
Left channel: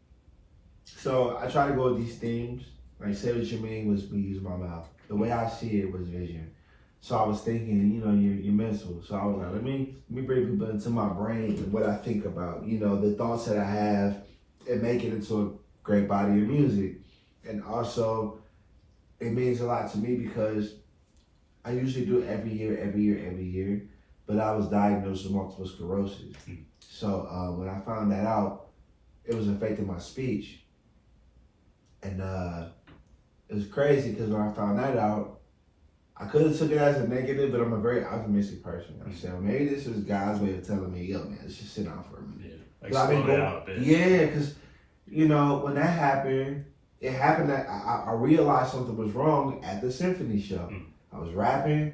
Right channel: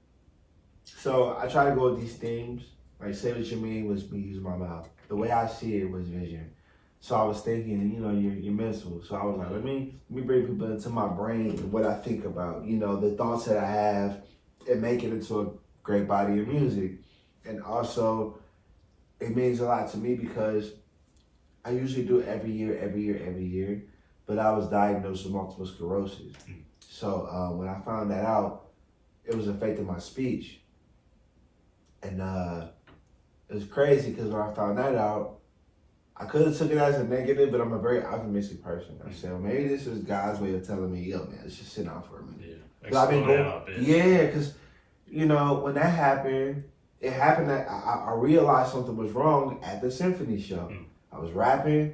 so I try to go with these themes Like, say what you mean was me using my mouth. The way I see it was vision. So I was thinking, you know, your mental. So I was like, let me bring people into my brain and what I think about, you know, the thoughts that I have, and make it into a great body of music. And also, it means a lot to me because I usually do it every year. But I was diagnosed with multiple sclerosis. So when I found that out, it was affecting my speech. And it was crazy because when I found that out, I could have took it as a negative, but I'm a very optimistic person. I said, well, maybe this is God's way of telling me, yo, man, let's just sit down for a minute. Yeah, like slow down a bit. Yeah, because, you know, when that happened, it happened that I realized something was wrong at the symphony show. I was rapping.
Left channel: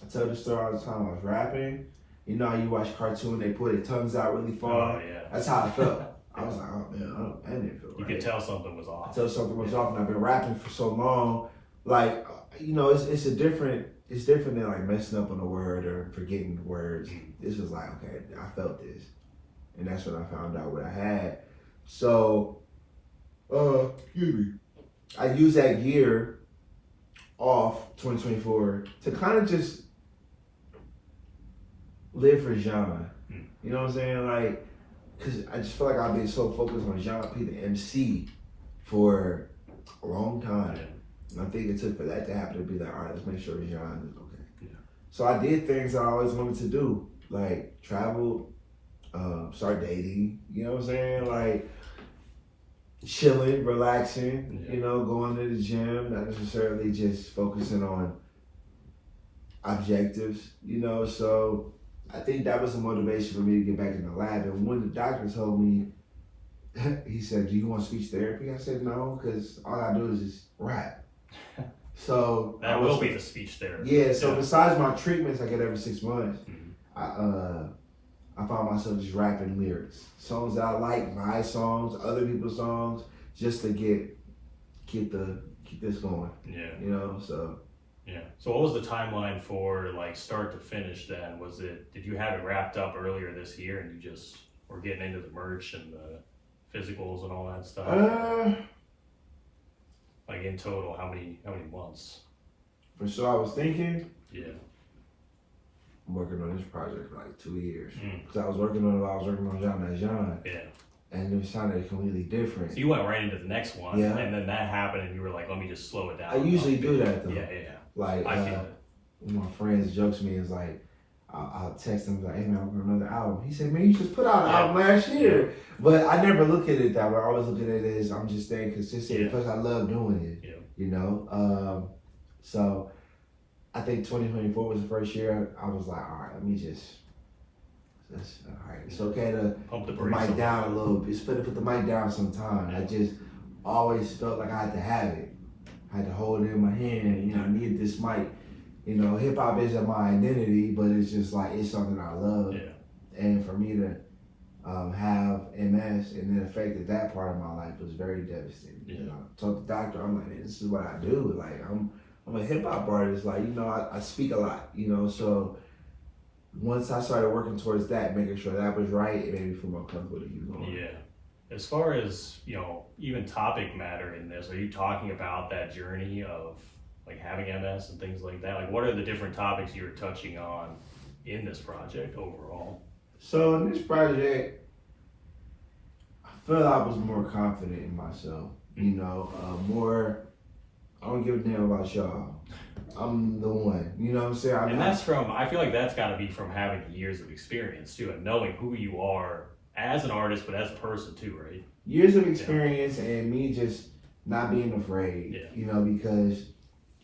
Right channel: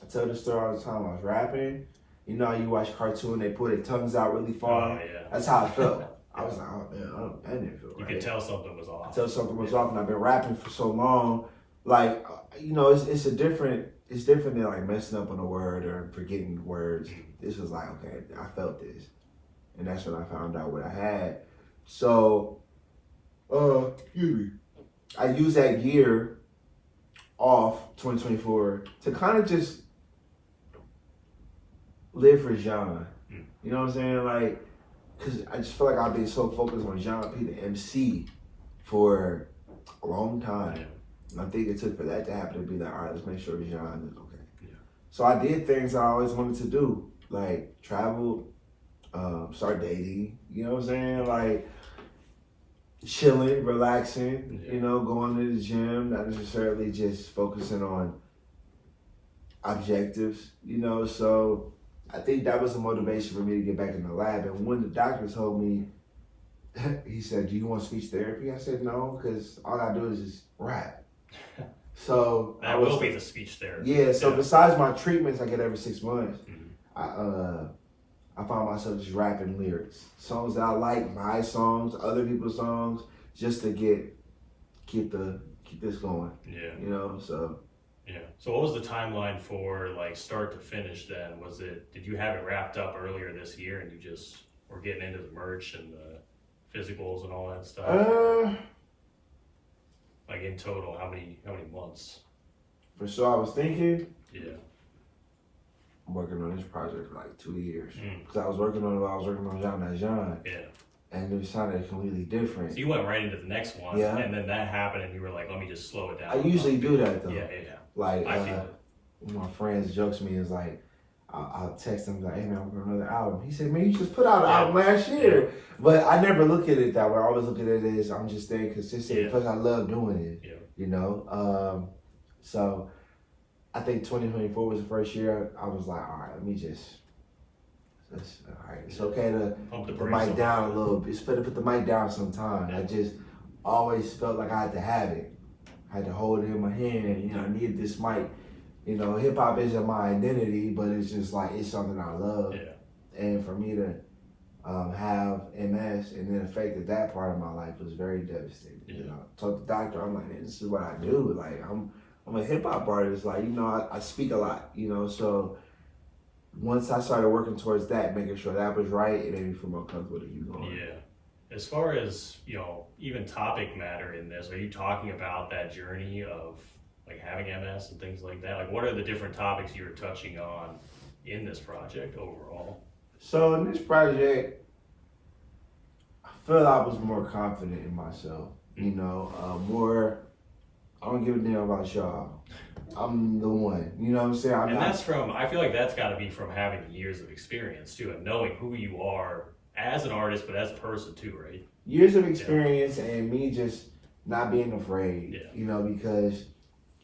I tell the story all the time. I was rapping. You know, you watch cartoon, they put their tongues out really far. Oh, yeah. That's how I felt. I was like, oh, man, that didn't feel right. You could tell something was off. I tell something was off, and I've been rapping for so long. Like, you know, it's different than like messing up on a word or forgetting words. This was like, okay, I felt this. And that's when I found out what I had. So, excuse me. I used that year off, 2024, to kind of just live for Jéan. You know what I'm saying? Like, because I just feel like I've been so focused on Jéan P The MC for a long time. Yeah. And I think it took for that to happen to be like, all right, let's make sure Jéan is okay. Yeah. So I did things that I always wanted to do, like travel, start dating, you know what I'm saying? Like chilling, relaxing, you know, going to the gym, not necessarily just focusing on objectives, you know? So I think that was a motivation for me to get back in the lab. And when the doctor told me, he said, do you want speech therapy? I said, no, because all I do is just rap. So that will be the speech therapy. Yeah, so besides my treatments I get every 6 months, I found myself just rapping lyrics. Songs that I like, my songs, other people's songs, just to keep this going. Yeah. You know, so. Yeah. So what was the timeline for like start to finish then? Did you have it wrapped up earlier this year and you just were getting into the merch and the physicals and all that stuff? Like in total, how many months? For sure, I was thinking. Yeah. I'm working on this project for like 2 years. Because I was working on Jéan. Yeah. And it was sounding completely different. So you went right into the next one, yeah. And then that happened, and you were like, "Let me just slow it down." I usually do that though. Yeah. Like I feel it. One of my friends jokes me is like, I'll text him like, "Hey man, I'm working on another album." He said, "Man, you just put out an album last year." Yeah. But I never look at it that way. I always look at it as I'm just staying consistent because I love doing it. Yeah. You know, so I think 2024 was the first year I was like, all right, let me just. All right, it's okay to pump the mic down a little bit. It's better to put the mic down sometime. Yeah. I just always felt like I had to have it. I had to hold it in my hand. You know, I needed this mic. You know, hip hop isn't my identity, but it's just like it's something I love. Yeah. And for me to have MS and then affected that part of my life was very devastating. Yeah. You know, I told the doctor, I'm like, man, this is what I do. Like I'm a hip hop artist. Like, you know, I speak a lot. You know, so. Once I started working towards that, making sure that was right, it made me feel more comfortable to keep going. Yeah. As far as, you know, even topic matter in this, are you talking about that journey of like having MS and things like that? Like what are the different topics you were touching on in this project overall? So in this project, I feel I was more confident in myself. You know, more, I don't give a damn about y'all. I'm the one, you know what I'm saying? I feel like that's gotta be from having years of experience too, and knowing who you are as an artist, but as a person too, right? Years of experience and me just not being afraid, you know, because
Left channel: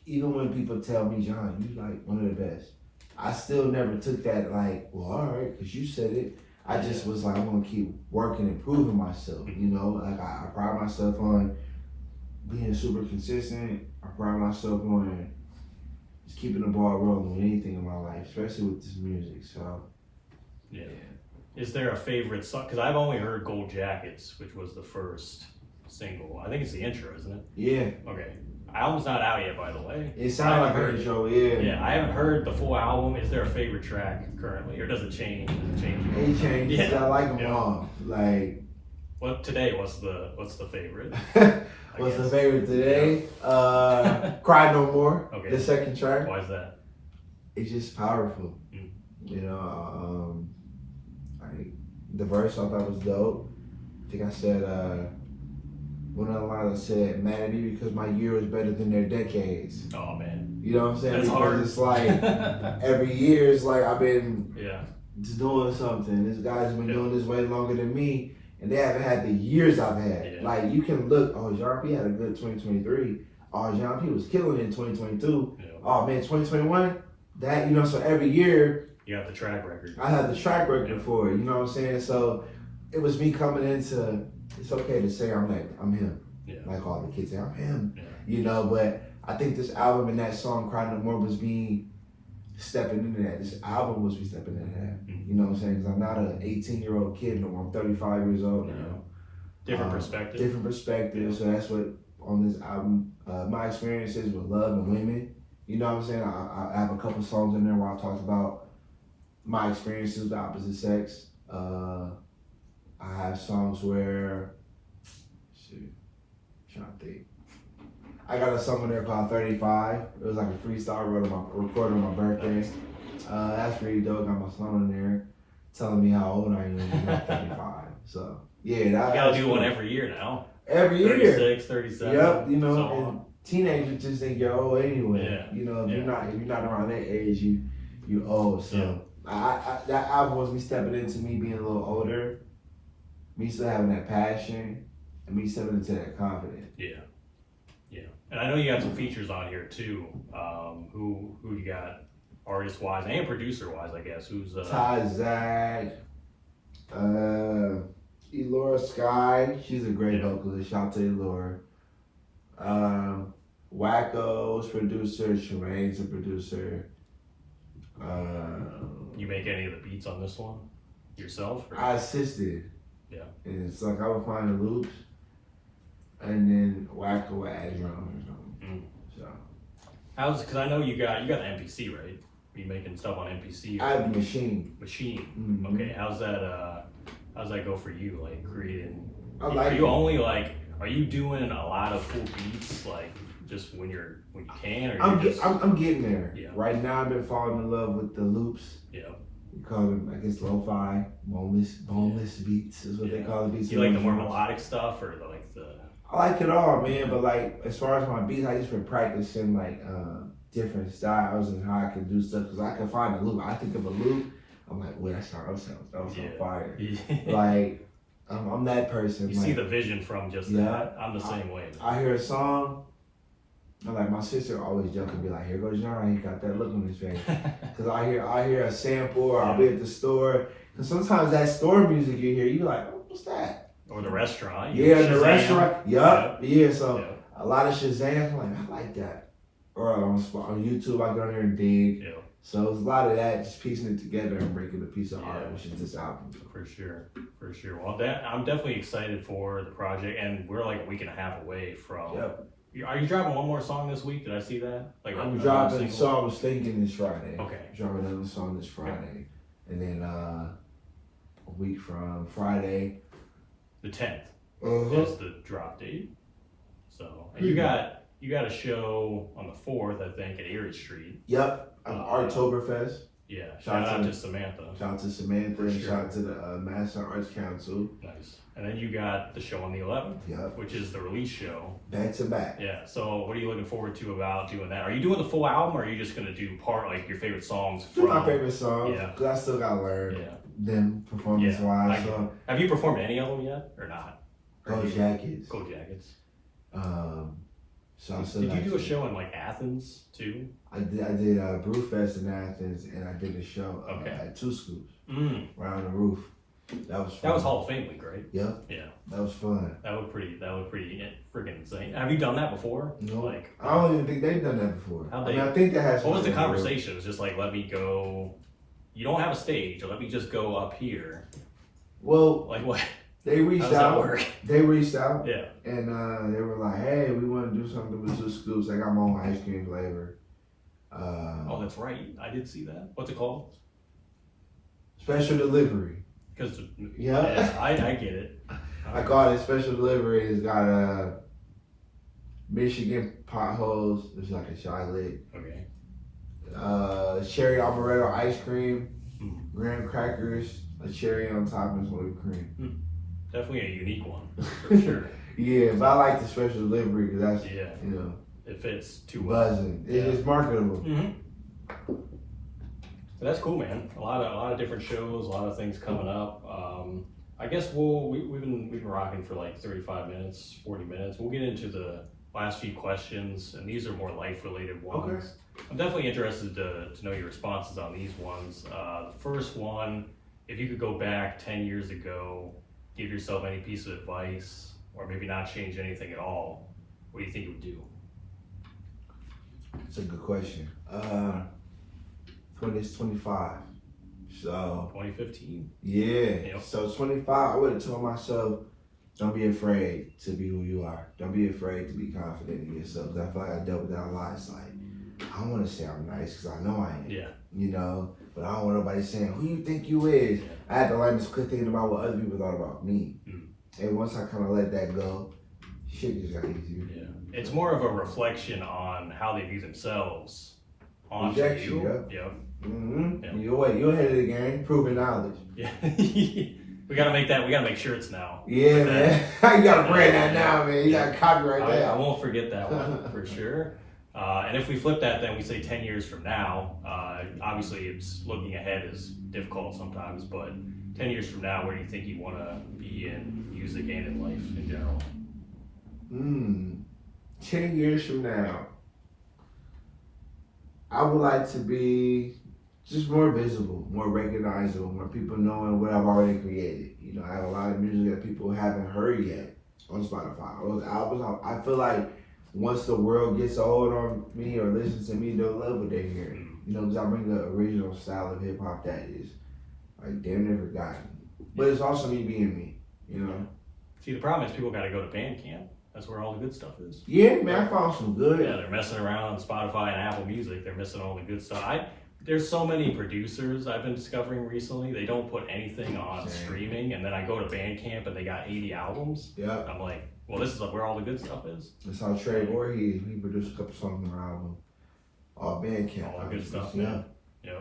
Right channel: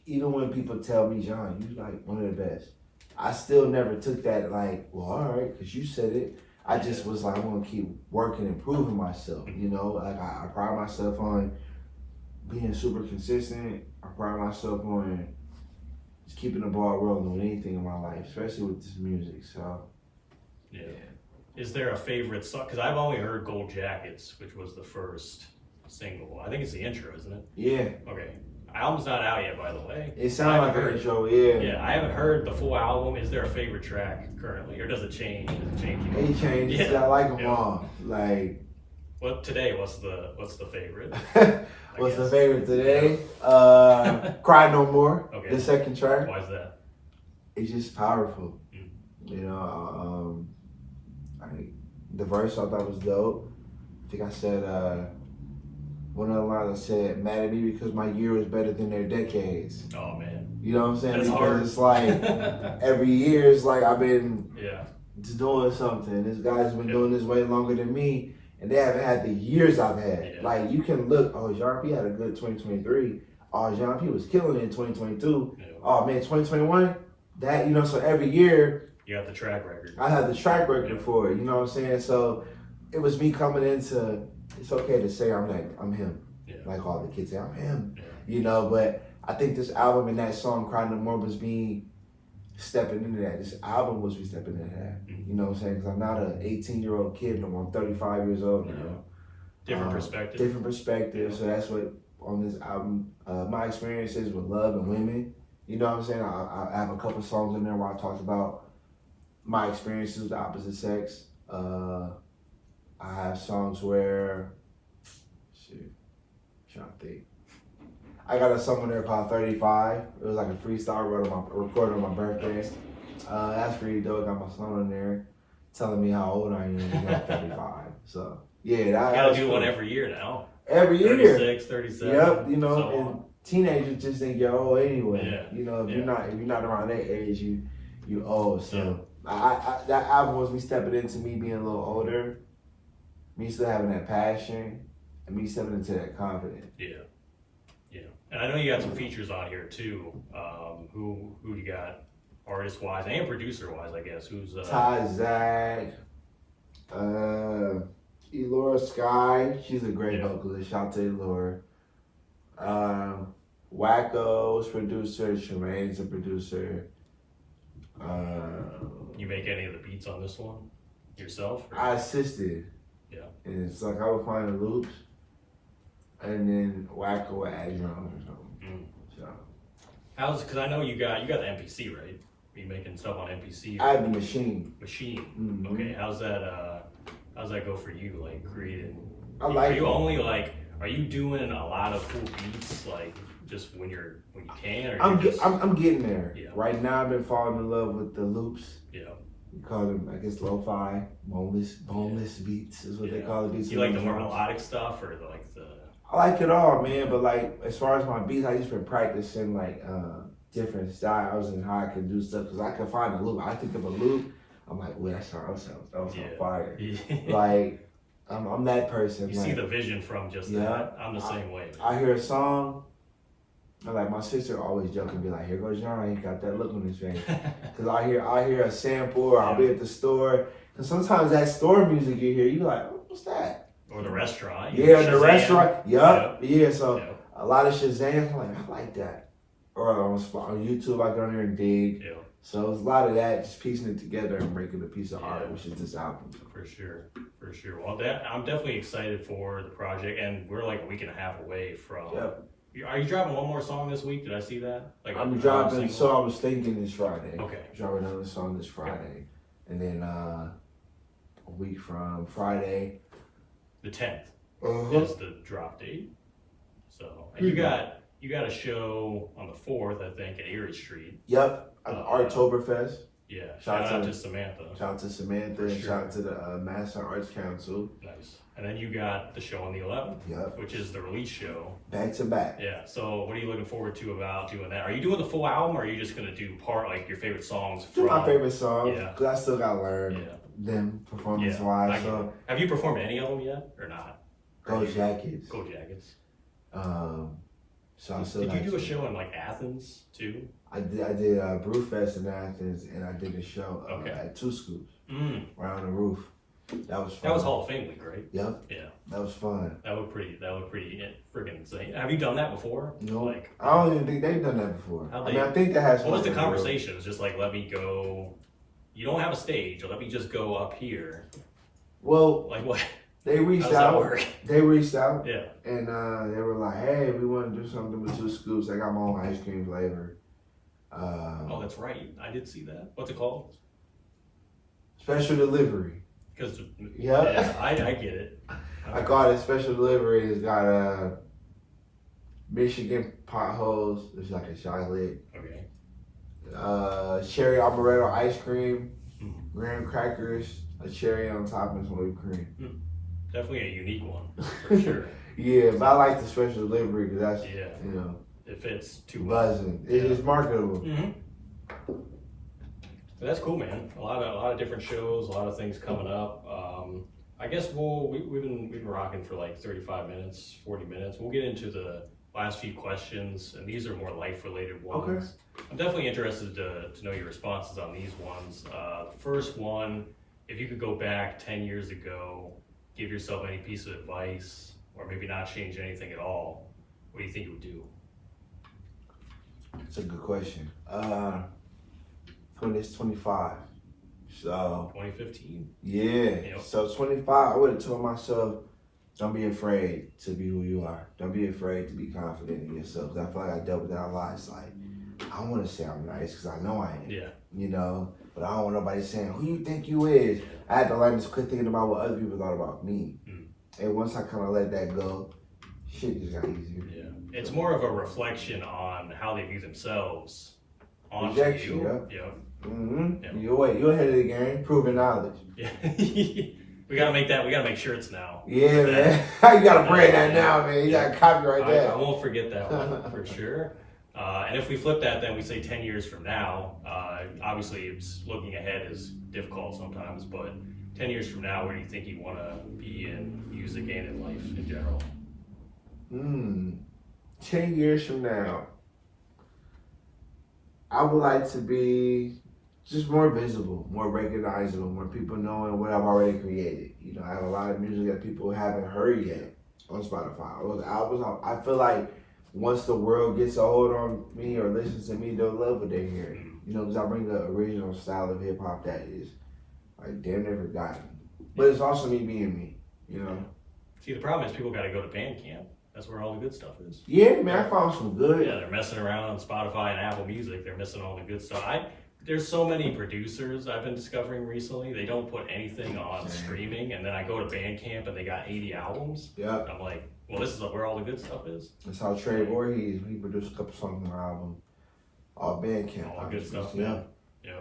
even when people tell me, Jéan, you're like one of the best, I still never took that like, well, all right, because you said it. I just was like, I'm gonna keep working and proving myself, you know? Like I pride myself on being super consistent. I pride myself on just keeping the ball rolling with anything in my life, especially with this music. So, yeah. Is there a favorite song? Because I've only heard Gold Jackets, which was the first single. I think it's the intro, isn't it? Yeah. Okay. Album's not out yet, by the way. It sounds like an intro, yeah. Yeah, I haven't heard the full album. Is there a favorite track currently, or does it change? Does it change? It changes. Yeah. I like them all. Like, What today? What's the favorite? What's the favorite today? Cry No More. Okay. The second track. Why is that? It's just powerful. You know, the verse I thought was dope. I think I said one of the lines I said, "Mad at me because my year was better than their decades." Oh man. You know what I'm saying? That's because hard. it's like every year it's like I've been Yeah. just doing something. This guy's been doing this way longer than me, and they haven't had the years I've had. Yeah. Like you can look, oh, Jéan P had a good 2023. Oh, Jéan P was killing it in 2022. Yeah. Oh man, 2021. That, you know, so every year You got the track record. I had the track record for it. You know what I'm saying? So it was me coming into. It's okay to say I'm him. Yeah. Like all the kids say, I'm him. Yeah. You know, but I think this album and that song, Cry No More, was me stepping into that. This album was me stepping into that. Mm-hmm. You know what I'm saying? Because I'm not an 18-year-old kid no more. I'm 35 years old now. Different perspective. Different perspective. Yeah. So that's what, on this album, my experiences with love and women. You know what I'm saying? I have a couple songs in there where I talked about my experiences with the opposite sex. I have songs where, trying to think. I got a song in there called 35. It was like a freestyle I recorded on my birthday. That's pretty dope. Got my song in there telling me how old I am and I'm 35. So, yeah. You gotta do one every year now. Every year. 36, 37. Yep, you know, so and teenagers just think you're old anyway. Yeah. You know, if Yeah. you're not around that age, you old. So I that album was me stepping into me being a little older, me still having that passion, and me stepping into that confidence. Yeah. And I know you got some features on here too. Who you got artist wise and producer wise, I guess. Who's Ty Zach, Elora Sky, she's a great vocalist. Shout out to Elora. Wacko's producer, Shireen's a producer. You make any of the beats on this one yourself? Or? I assisted. Yeah. And it's like I would find the loops, and then Wacko would add drums or something. So because I know you got the MPC, right? Are you making stuff on MPC? I have the machine. Machine. Okay. How's that go for you? Like creating. I like. Are you only like? Are you doing a lot of full beats like just when you can? Or I'm getting there. Yeah. Right now, I've been falling in love with the loops. Yeah. We call them, I guess, lo-fi, boneless beats is what they call the beats. You like the more melodic stuff or the? I like it all, man. But like, as far as my beats, I just been practicing like different styles and how I can do stuff because I can find a loop. I think of a loop, I'm like, wait, that sounds fire. Yeah. Like, I'm that person. You see the vision from just that. I'm the same way. Man. I hear a song. I'm like, my sister always joke and be like, here goes Jéan, he got that look on his face. Because I hear a sample or I'll be at the store. Because sometimes that store music you hear, you're like, oh, what's that? Or the restaurant. Yeah, the restaurant. Yup. Yeah, so a lot of Shazam, I'm like, I like that. Or on YouTube, I go in there and dig. Yeah. So it's a lot of that, just piecing it together and making a piece of art, which is this album. For sure. Well, I'm definitely excited for the project, and we're like a week and a half away from. Yep. Are you dropping one more song this week? Did I see that? Like I'm dropping. So I was thinking this Friday. Okay. Dropping another song this Friday, and then a week from Friday, the 10th is the drop date. So and you got a show on the 4th, I think, at Erie Street. Yep. Artoberfest. Yeah. Shout out to Samantha. Shout out to Samantha. And shout out to the Master Arts Council. Nice. And then you got the show on the 11th. Yep. Which is the release show. Back to back. Yeah. So what are you looking forward to about doing that? Are you doing the full album, or are you just gonna do like your favorite songs? From my favorite songs. Yeah. Because I still gotta learn them performance wise. So have you performed any of them yet, or not? Gold Jackets. Gold Jackets. So I'm still. Did you do a show in like Athens too? I did Brewfest in Athens, and I did a show at Two Scoops around the roof. That was fun. That was Hall of Fame week, right? Yep. Yeah. That was fun. That would pretty freaking insane. Have you done that before? No. Like, I don't even think they've done that before. I think that has. What was the conversation? It was just like, let me go. You don't have a stage, or let me just go up here. Well, like what? They reached out. How does that work? They reached out. Yeah. And they were like, hey, we want to do something with Two Scoops. I got my own ice cream flavor. Oh, that's right. I did see that. What's it called? Special delivery. Because Yeah. I get it. I call it special delivery. It's got Michigan potholes. It's like a chocolate. Okay. Cherry amaretto ice cream, graham crackers, a cherry on top, and some whipped cream. Definitely a unique one, for sure. Yeah, but I like the special delivery because that's, it fits too well. Buzzing. It's marketable. But that's cool, man. A lot of different shows, a lot of things coming up. I guess we've been rocking for like 35 minutes, 40 minutes. We'll get into the last few questions, and these are more life-related ones. Okay. I'm definitely interested to know your responses on these ones. The first one, if you could go back 10 years ago, give yourself any piece of advice, or maybe not change anything at all, what do you think you would do? It's a good question. 25. So 2015. Yeah. Yep. So 25, I would have told myself, don't be afraid to be who you are. Don't be afraid to be confident in yourself. Because I feel like I dealt with that a lot. It's like, I want to say I'm nice because I know I am. Yeah. You know, but I don't want nobody saying, who you think you is? Yeah. I had to learn to quit thinking about what other people thought about me. And once I kind of let that go, shit just got easier. Yeah. It's more of a reflection on how they view themselves on Rejection, you. Yep. You're ahead of the game, proven knowledge. Yeah. We gotta make shirts now. Yeah, man. You gotta brand that now, man. You gotta copyright that. I won't forget that one for sure. And if we flip that, then we say 10 years from now. Obviously, it's looking ahead is difficult sometimes, but 10 years from now, where do you think you want to be in music and in life in general? 10 years from now, I would like to be just more visible, more recognizable, more people knowing what I've already created. You know, I have a lot of music that people haven't heard yet on Spotify. Those albums, I feel like once the world gets a hold on me or listens to me, they'll love what they hear. You know, because I bring the original style of hip hop that is like damn near forgotten. But it's also me being me, you know. See, the problem is people got to go to Bandcamp. That's where all the good stuff is. Yeah, man, I found some good. Yeah, they're messing around on Spotify and Apple Music. They're missing all the good stuff. There's so many producers I've been discovering recently. They don't put anything on streaming, and then I go to Bandcamp and they got 80 albums. Yeah. I'm like, well, this is where all the good stuff is. That's how Trey Voorhees, he produced a couple songs on our album. All Bandcamp. All the good stuff, man. Yeah.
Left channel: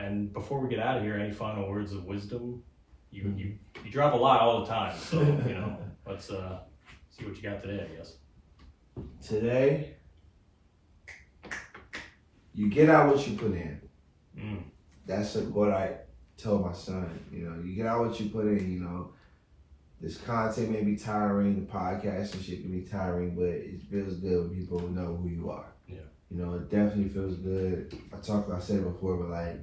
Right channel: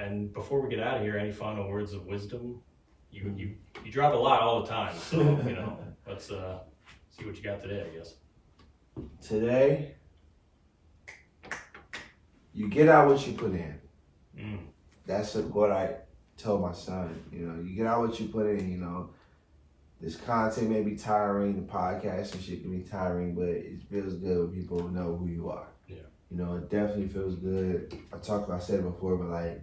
And before we get out of here, any final words of wisdom? You drop a lot all the time, so you know, let's see what you got today, I guess. Today, you get out what you put in. That's what I tell my son. You know, you get out what you put in. You know, this content may be tiring, the podcast and shit can be tiring, but it feels good when people know who you are. Yeah. You know, it definitely feels good. I said it before, but like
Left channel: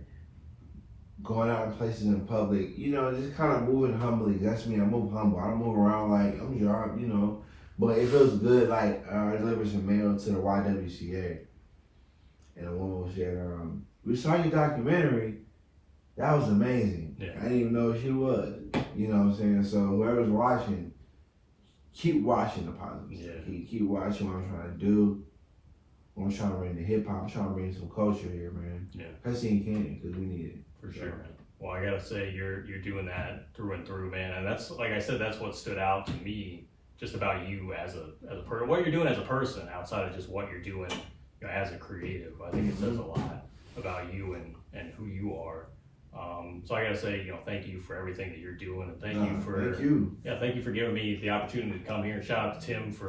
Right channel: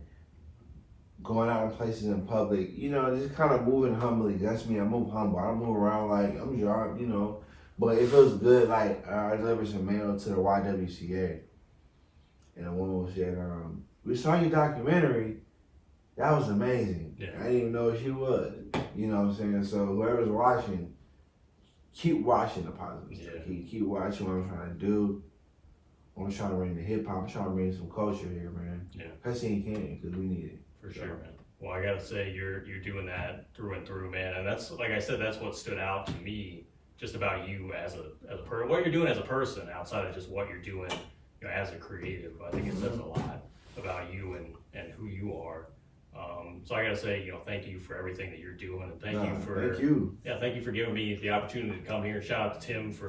going out in places in public, you know, just kind of moving humbly. That's me. I move humble. I don't move around like I'm Jéan, you know. But it feels good. Like I delivered some mail to the YWCA, and a woman was saying, "We saw your documentary. That was amazing. Yeah. I didn't even know who she was. You know what I'm saying? So whoever's watching, keep watching the positives. Yeah. Keep watching what I'm trying to do. I'm trying to bring the hip hop. I'm trying to bring some culture here, man. Yeah. Best thing you can, because we need it. For sure, man. Well, I gotta say, you're doing that through and through, man. And that's, like I said, that's what stood out to me just about you as a person. What you're doing as a person, outside of just what you're doing, you know, as a creative. I think it says a lot about you and who you are. So I gotta say, you know, thank you for everything that you're doing, and thank you for giving me the opportunity to come here. Shout out to Tim if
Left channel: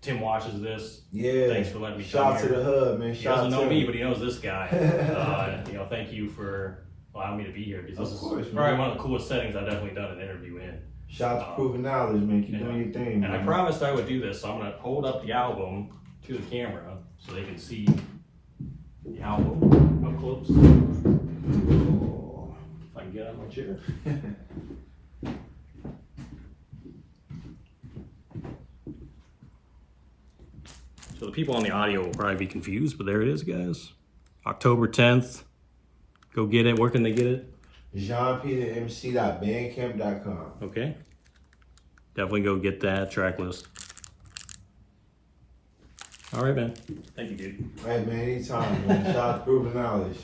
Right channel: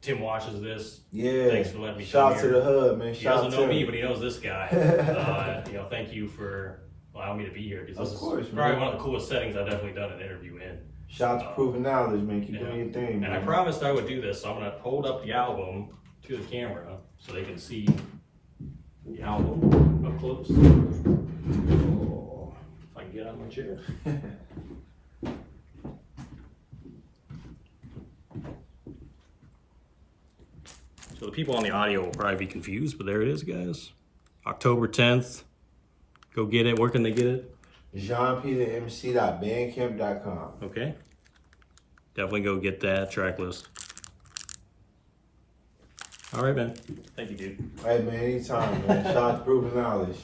Tim watches this. Yeah, thanks for letting me come here. Shout out to the hub, man. He doesn't know me, but he knows this guy. You know, thank you for allowing me to be here, because this is probably one of the coolest settings I've definitely done an interview in. Shout out to Proven Knowledge, man. Keep doing your thing, man. And I promised I would do this, so I'm gonna hold up the album to the camera so they can see the album up close. Oh, if I can get out of my chair. So the people on the audio will probably be confused, but there it is, guys. October 10th. Go get it. Where can they get it? Jéan P The MC.bandcamp.com. Okay. Definitely go get that track list. All right, man. Thank you, dude. Hey, man, anytime, man. Shout out to Proven Knowledge.